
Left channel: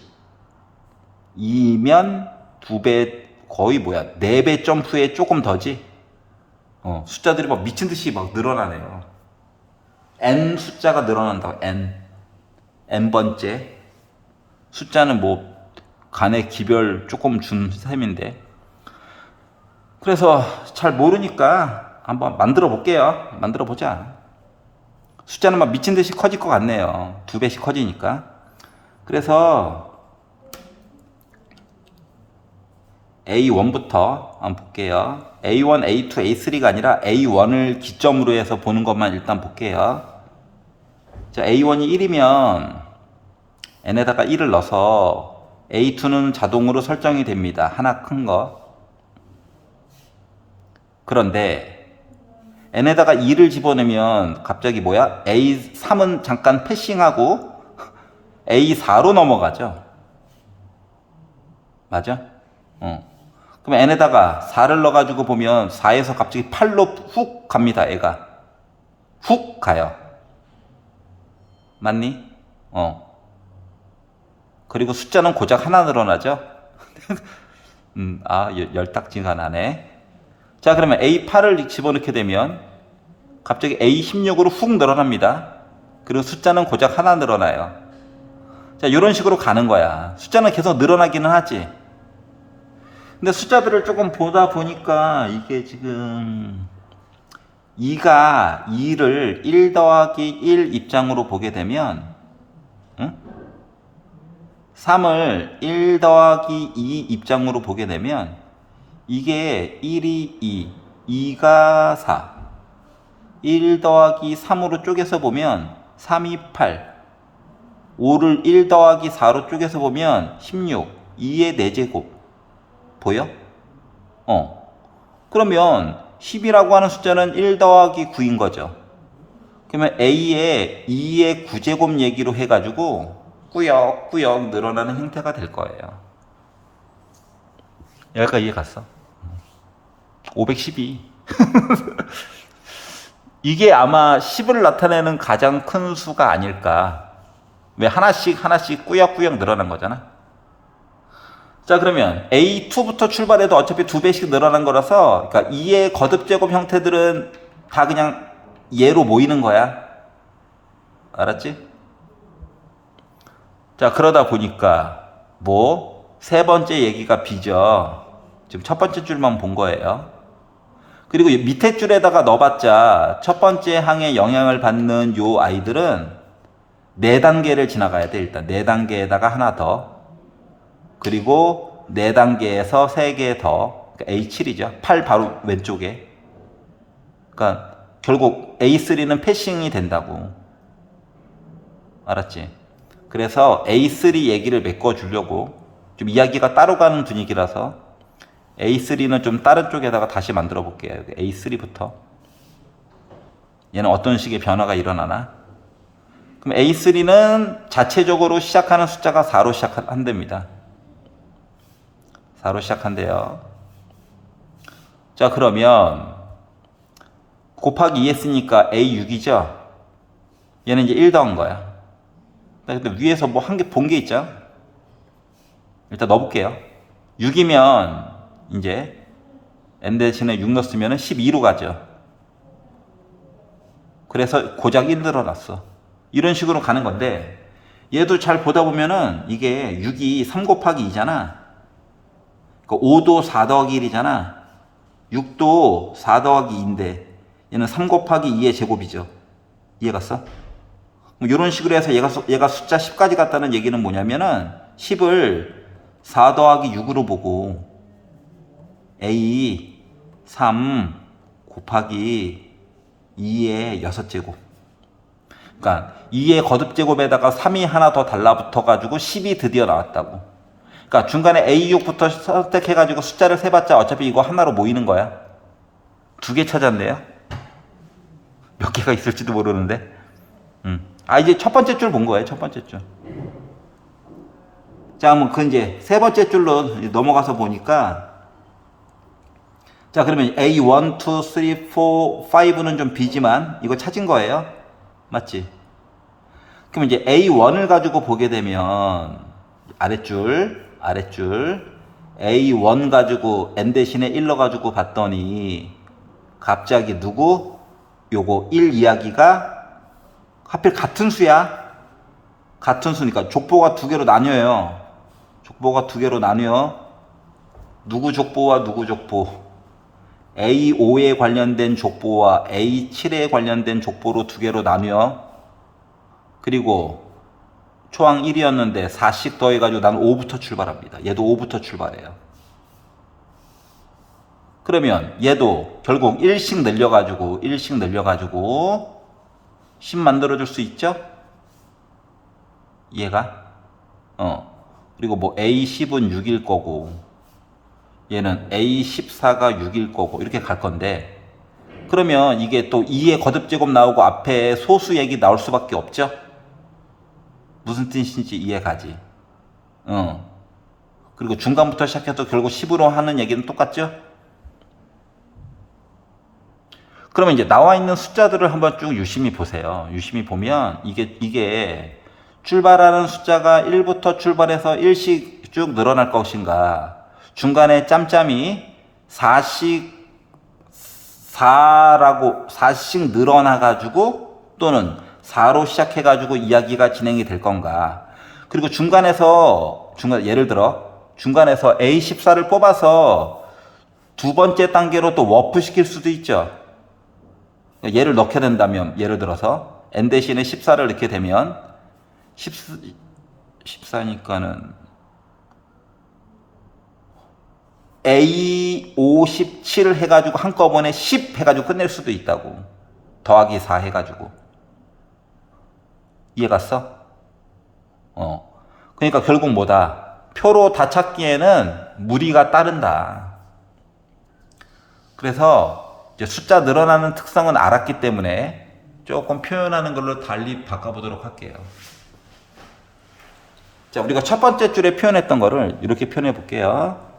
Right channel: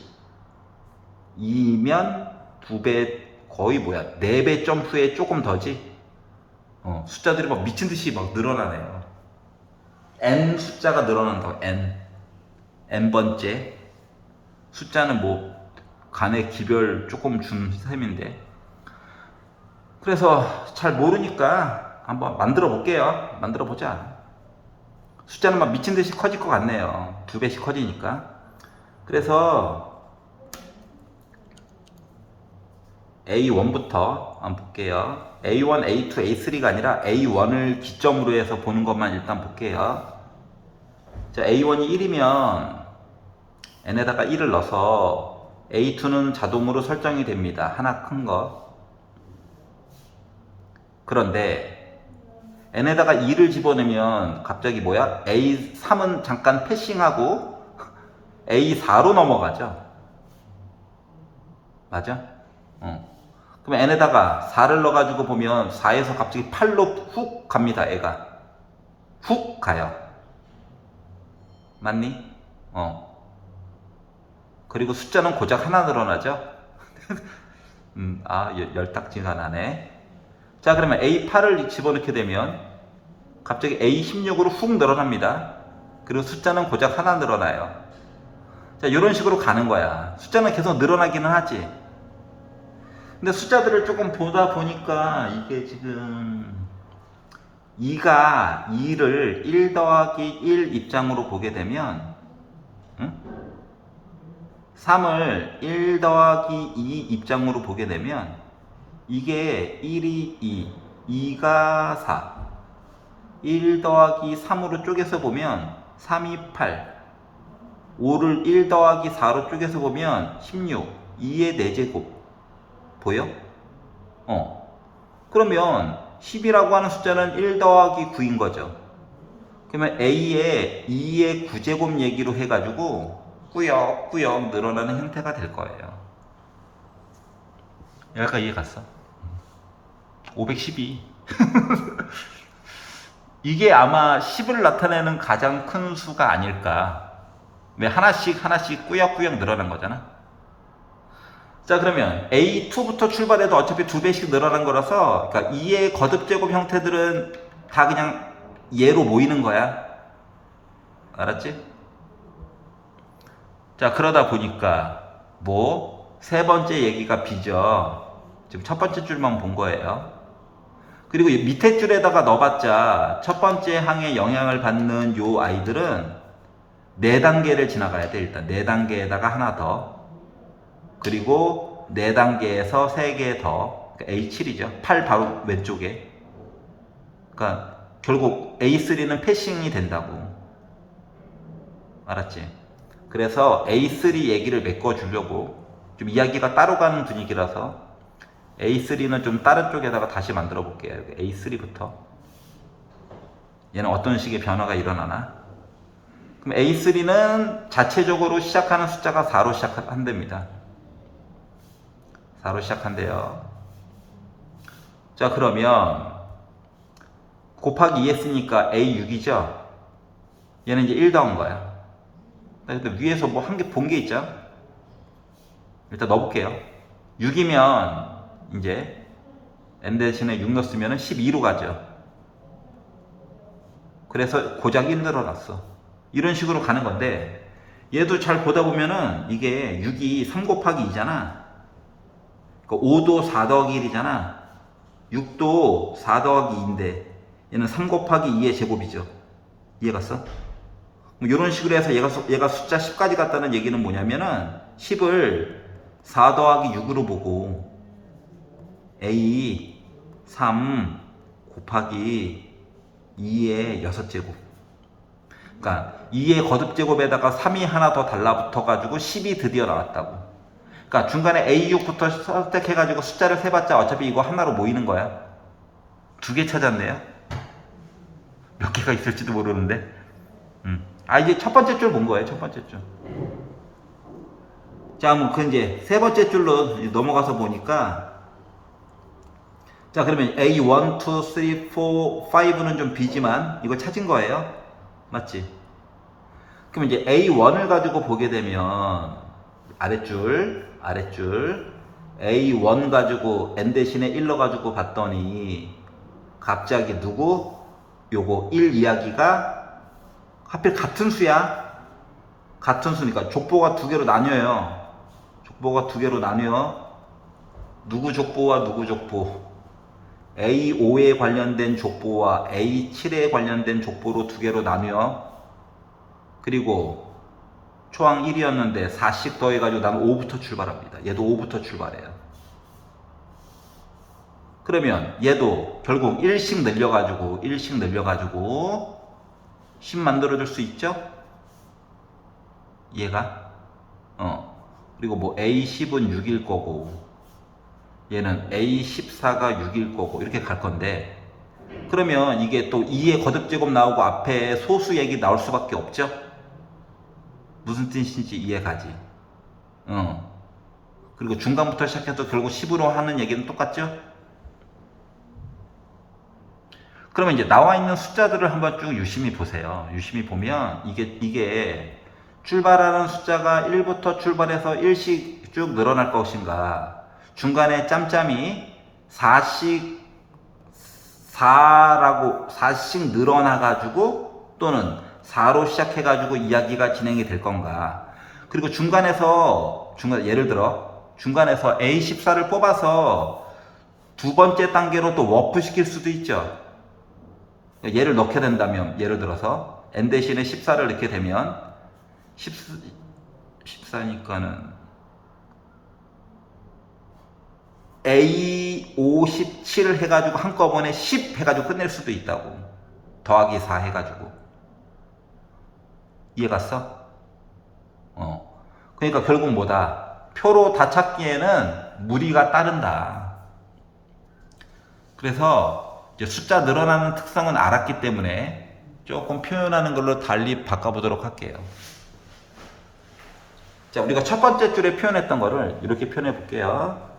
2면 2배, 거의 뭐야 4배 점프에 조금 더지. 숫자들이 막 미친듯이 막 늘어나네요. n 숫자가 늘어난다고. n번째 숫자는 뭐 간의 기별 조금 준 셈인데, 그래서 잘 모르니까 한번 만들어 볼게요. 만들어 보자. 숫자는 막 미친 듯이 커질 것 같네요. 2배씩 커지니까. 그래서 A1부터 한번 볼게요. A1, A2, A3가 아니라 A1을 기점으로 해서 보는 것만 일단 볼게요. 자, A1이 1이면 n에다가 1을 넣어서 A2는 자동으로 설정이 됩니다. 하나 큰 거. 그런데 n에다가 2를 집어넣으면 갑자기 뭐야? A3은 잠깐 패싱하고 A4로 넘어가죠. 맞아? 그럼 n에다가 4를 넣어가지고 보면 4에서 갑자기 8로 훅 갑니다. 애가 훅 가요. 맞니? 그리고 숫자는 고작 하나 늘어나죠. 열딱지가 나네. 자, 그러면 A8을 집어넣게 되면 갑자기 A16으로 훅 늘어납니다. 그리고 숫자는 고작 하나 늘어나요. 자, 이런 식으로 가는 거야. 숫자는 계속 늘어나기는 하지. 근데 숫자들을 조금 보다 보니까 이게 지금 2가 2를 1 더하기 1 입장으로 보게 되면 3을 1 더하기 2 입장으로 보게 되면 이게 1이 2, 2가 4, 1 더하기 3으로 쪼개서 보면 3이 8, 5를 1 더하기 4로 쪼개서 보면 16, 2의 4제곱 보여? 그러면 10이라고 하는 숫자는 1 더하기 9인 거죠. 그러면 A의 2의 9제곱 얘기로 해가지고 꾸역꾸역 늘어나는 형태가 될 거예요. 여기까지 이해 갔어? 512. 이게 아마 10을 나타내는 가장 큰 수가 아닐까. 왜 하나씩 꾸역꾸역 늘어난 거잖아. 자, 그러면 A2부터 출발해도 어차피 2배씩 늘어난 거라서, 그러니까 2의 거듭제곱 형태들은 다 그냥 얘로 모이는 거야. 알았지? 자, 그러다 보니까 세 번째 얘기가 B죠. 지금 첫 번째 줄만 본 거예요. 그리고 밑에 줄에다가 넣어봤자 첫 번째 항에 영향을 받는 요 아이들은 4단계를 지나가야 돼. 일단 4단계에다가 하나 더, 그리고 4단계에서 3개 더, 그러니까 A7이죠. 8 바로 왼쪽에. 그러니까 결국 A3는 패싱이 된다고. 알았지? 그래서 A3 얘기를 메꿔주려고 좀 이야기가 따로 가는 분위기라서 A3는 좀 다른 쪽에다가 다시 만들어 볼게요. A3부터. 얘는 어떤 식의 변화가 일어나나? 그럼 A3는 자체적으로 시작하는 숫자가 4로 시작한답니다. 4로 시작한대요. 자, 그러면 곱하기 2 했으니까 A6이죠? 얘는 이제 1 더한 거야. 근데 위에서 뭐 한 개 본 게 있죠? 일단 넣어볼게요. 6이면 이제 n 대신에 6 넣었으면 12로 가죠. 그래서 고작 1 늘어났어. 이런 식으로 가는 건데, 얘도 잘 보다 보면은 이게 6이 3 곱하기 2잖아. 그러니까 5도 4 더하기 1이잖아. 6도 4 더하기 2인데 얘는 3 곱하기 2의 제곱이죠. 이해 갔어? 이런 식으로 해서 얘가 숫자 10까지 갔다는 얘기는 뭐냐면은 10을 4 더하기 6으로 보고 A 3 곱하기 2의 6제곱. 그러니까 2의 거듭제곱에다가 3이 하나 더 달라붙어 가지고 10이 드디어 나왔다고. 그러니까 중간에 A6부터 선택해 가지고 숫자를 세봤자 어차피 이거 하나로 모이는 거야. 2개 찾았네요. 몇 개가 있을지도 모르는데. 이제 첫 번째 줄 본 거예요. 첫 번째 줄. 자, 그럼 이제 세 번째 줄로 넘어가서 보니까, 자, 그러면 A1, 2, 3, 4, 5는 좀 비지만 이거 찾은 거예요. 맞지? 그럼 이제 A1을 가지고 보게 되면 아랫줄 A1 가지고 n 대신에 1 넣어가지고 봤더니 갑자기 요거 1 이야기가 하필 같은 수야. 같은 수니까 족보가 2개로 나뉘어요. 족보가 2개로 나뉘어. 누구 족보와 누구 족보. A5에 관련된 족보와 A7에 관련된 족보로 2개로 나뉘어. 그리고 초항 1이었는데 4씩 더해가지고 나는 5부터 출발합니다. 얘도 5부터 출발해요. 그러면 얘도 결국 1씩 늘려가지고 10 만들어줄 수 있죠? 얘가 그리고 A10은 6일 거고 얘는 A14가 6일 거고 이렇게 갈 건데, 그러면 이게 또 2의 거듭제곱 나오고 앞에 소수 얘기 나올 수밖에 없죠? 무슨 뜻인지 이해가지? 그리고 중간부터 시작해서 결국 10으로 하는 얘기는 똑같죠? 그러면 이제 나와 있는 숫자들을 한번 쭉 유심히 보세요. 유심히 보면 이게 출발하는 숫자가 1부터 출발해서 1씩 쭉 늘어날 것인가, 중간에 짬짬이 4씩 늘어나 가지고 또는 4로 시작해 가지고 이야기가 진행이 될 건가. 그리고 예를 들어 중간에서 A14를 뽑아서 두 번째 단계로 또 워프 시킬 수도 있죠. 얘를 넣게 된다면, 예를 들어서 n 대신에 14를 넣게 되면 14니까는 A57을 해가지고 한꺼번에 10 해가지고 끝낼 수도 있다고. 더하기 4 해가지고. 이해갔어? 그러니까 결국 뭐다? 표로 다 찾기에는 무리가 따른다. 그래서 이제 숫자 늘어나는 특성은 알았기 때문에 조금 표현하는 걸로 달리 바꿔보도록 할게요. 자, 우리가 첫 번째 줄에 표현했던 거를 이렇게 표현해 볼게요.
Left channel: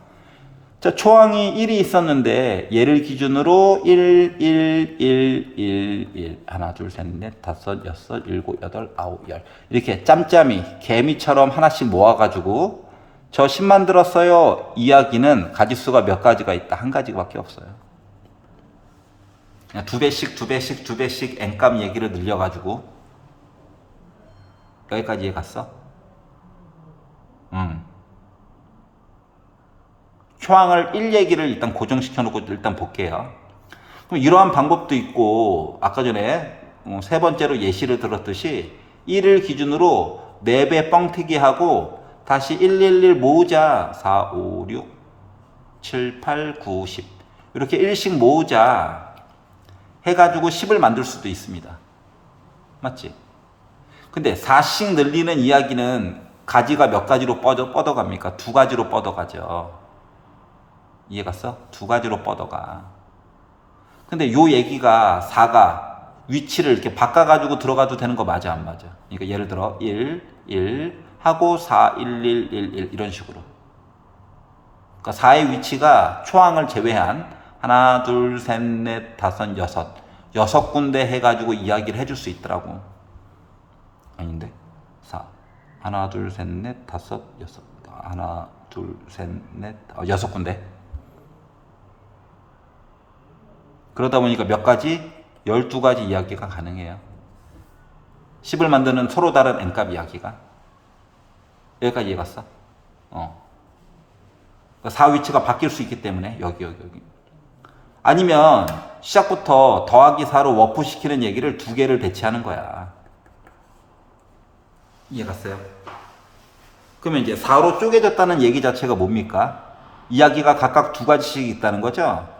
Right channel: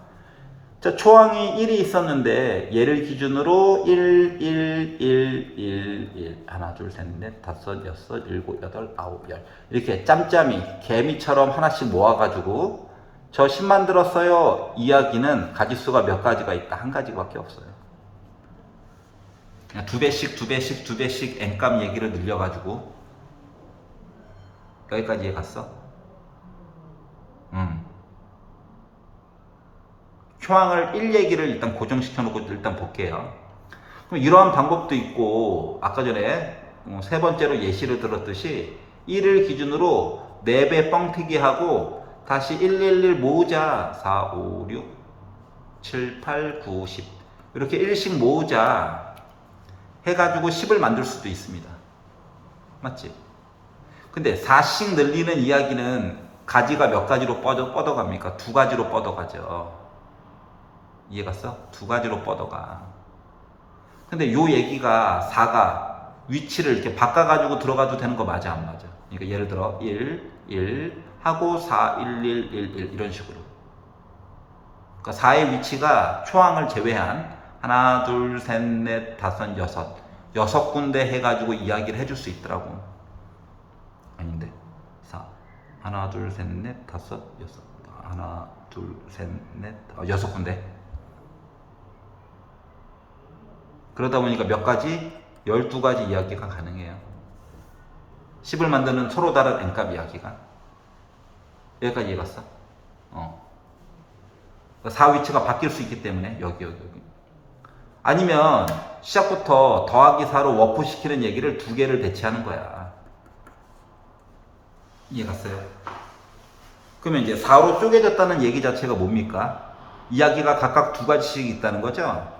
자, 초항이 1이 있었는데 얘를 기준으로 1, 1, 1, 1, 1 하나, 둘, 셋, 넷, 다섯, 여섯, 일곱, 여덟, 아홉, 열 이렇게 짬짬이 개미처럼 하나씩 모아가지고 저 10 만들었어요. 이야기는 가지수가 몇 가지가 있다? 한 가지밖에 없어요. 그냥 두 배씩 n값 얘기를 늘려가지고 여기까지 이해 갔어? 초항을 1 얘기를 일단 고정시켜 놓고 일단 볼게요. 그럼 이러한 방법도 있고, 아까 전에 세 번째로 예시를 들었듯이 1을 기준으로 4배 뻥튀기 하고 다시 111 모으자. 4, 5, 6, 7, 8, 9, 10 이렇게 1씩 모으자 해가지고 10을 만들 수도 있습니다. 맞지? 근데 4씩 늘리는 이야기는 가지가 몇 가지로 뻗어갑니까? 두 가지로 뻗어가죠. 이해갔어? 두 가지로 뻗어가. 근데 요 얘기가 4가 위치를 이렇게 바꿔가지고 들어가도 되는 거 맞아, 안 맞아? 그러니까 예를 들어 1, 1 하고 4, 1, 1, 1, 1 이런 식으로. 그러니까 4의 위치가 초항을 제외한 하나, 둘, 셋, 넷, 다섯, 여섯 군데 해가지고 이야기를 해줄 수 있더라고. 아닌데? 4. 하나, 둘, 셋, 넷, 다섯, 여섯. 하나, 둘, 셋, 넷, 여섯 군데. 그러다 보니까 몇 가지? 12가지 이야기가 가능해요. 10을 만드는 서로 다른 n값 이야기가. 여기까지 이해갔어? 4 위치가 바뀔 수 있기 때문에 여기. 아니면 시작부터 더하기 4로 워프 시키는 얘기를 두 개를 배치하는 거야. 이해갔어요? 그러면 이제 4로 쪼개졌다는 얘기 자체가 뭡니까? 이야기가 각각 두 가지씩 있다는 거죠?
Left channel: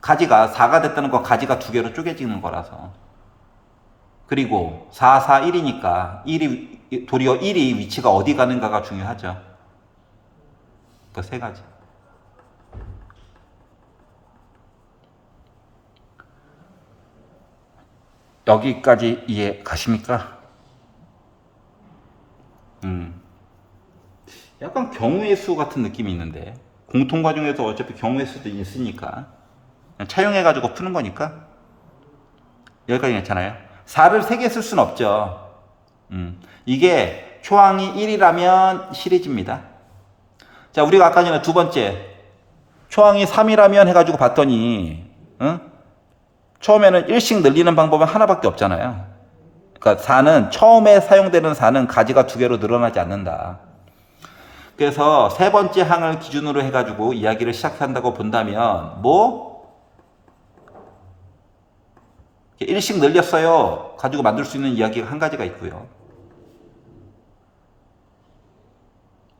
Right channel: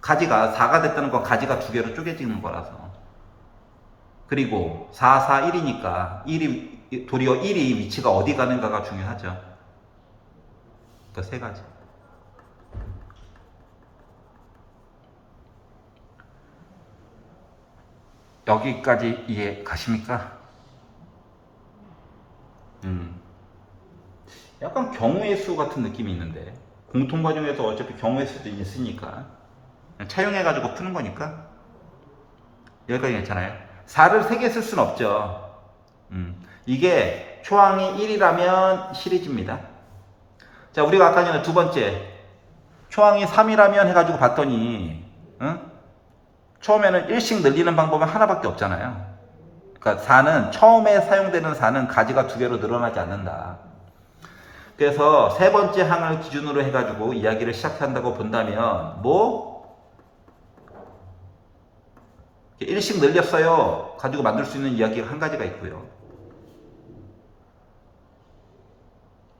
가지가 4가 됐다는 건 가지가 두 개로 쪼개지는 거라서. 그리고 4, 4, 1이니까 도리어 1이 위치가 어디 가는가가 중요하죠. 그러니까 세 가지. 여기까지 이해 가십니까? 약간 경우의 수 같은 느낌이 있는데, 공통과정에서 어차피 경우의 수도 있으니까 차용해가지고 푸는 거니까 여기까지 괜찮아요. 4를 3개 쓸 수는 없죠. 이게 초항이 1이라면 시리즈입니다. 자, 우리가 아까 전에 두 번째 초항이 3이라면 해가지고 봤더니 처음에는 1씩 늘리는 방법은 하나밖에 없잖아요. 그러니까 4는 처음에 사용되는 4는 가지가 두 개로 늘어나지 않는다. 그래서 세 번째 항을 기준으로 해가지고 이야기를 시작한다고 본다면 1씩 늘렸어요 가지고 만들 수 있는 이야기가 한 가지가 있고요.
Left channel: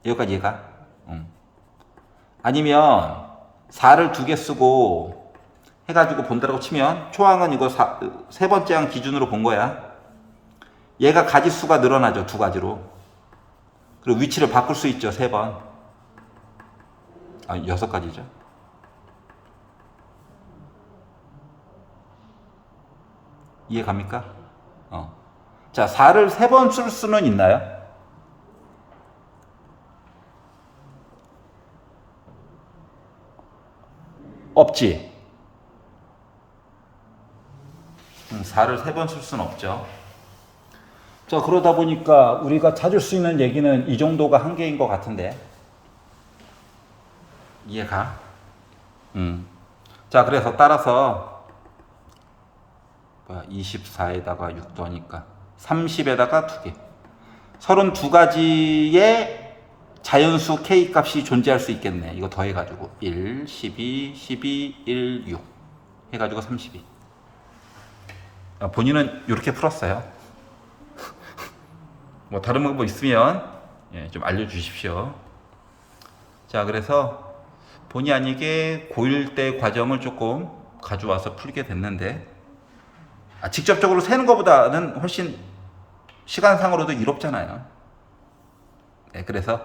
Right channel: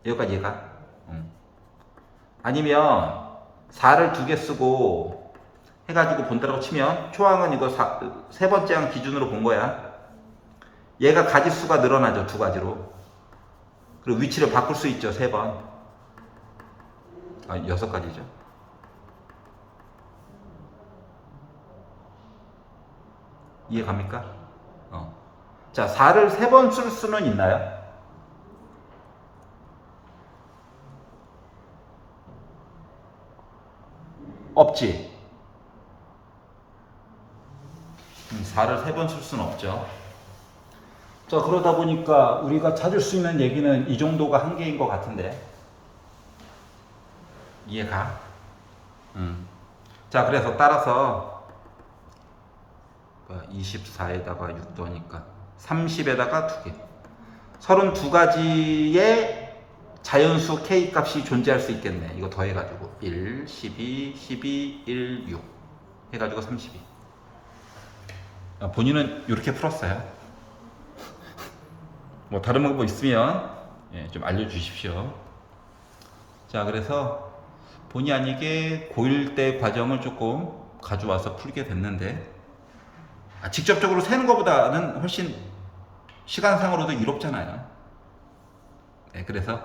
여기까지 얘가 아니면 4를 두 개 쓰고 해가지고 본다고 치면 초항은 이거 세 번째 항 기준으로 본 거야. 얘가 가지수가 늘어나죠. 두 가지로. 그리고 위치를 바꿀 수 있죠. 3번. 6가지죠. 이해 갑니까? 자, 4를 3번 쓸 수는 있나요? 없지. 4를 3번 쓸 수는 없죠. 자, 그러다 보니까 우리가 찾을 수 있는 얘기는 이 정도가 한계인 것 같은데. 이해가? 자, 그래서 따라서 24에다가 6 더하니까 30에다가 2개. 32가지의 자연수 K 값이 존재할 수 있겠네. 이거 더해가지고 1, 12, 12, 1, 6 해가지고 32. 본인은 이렇게 풀었어요. 뭐 다른 방법 있으면 좀 알려주십시오. 자, 그래서 본의 아니게 고1 때 과정을 조금 가져와서 풀게 됐는데, 직접적으로 세는 것보다는 훨씬 시간상으로도 이롭잖아요. 네, 그래서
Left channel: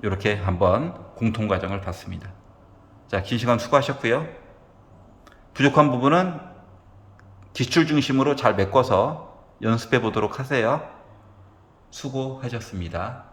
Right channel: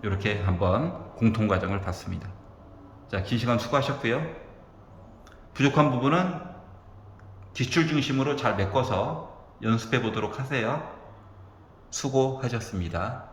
이렇게 한번 공통과정을 봤습니다. 자, 긴 시간 수고하셨고요. 부족한 부분은 기출 중심으로 잘 메꿔서 연습해 보도록 하세요. 수고하셨습니다.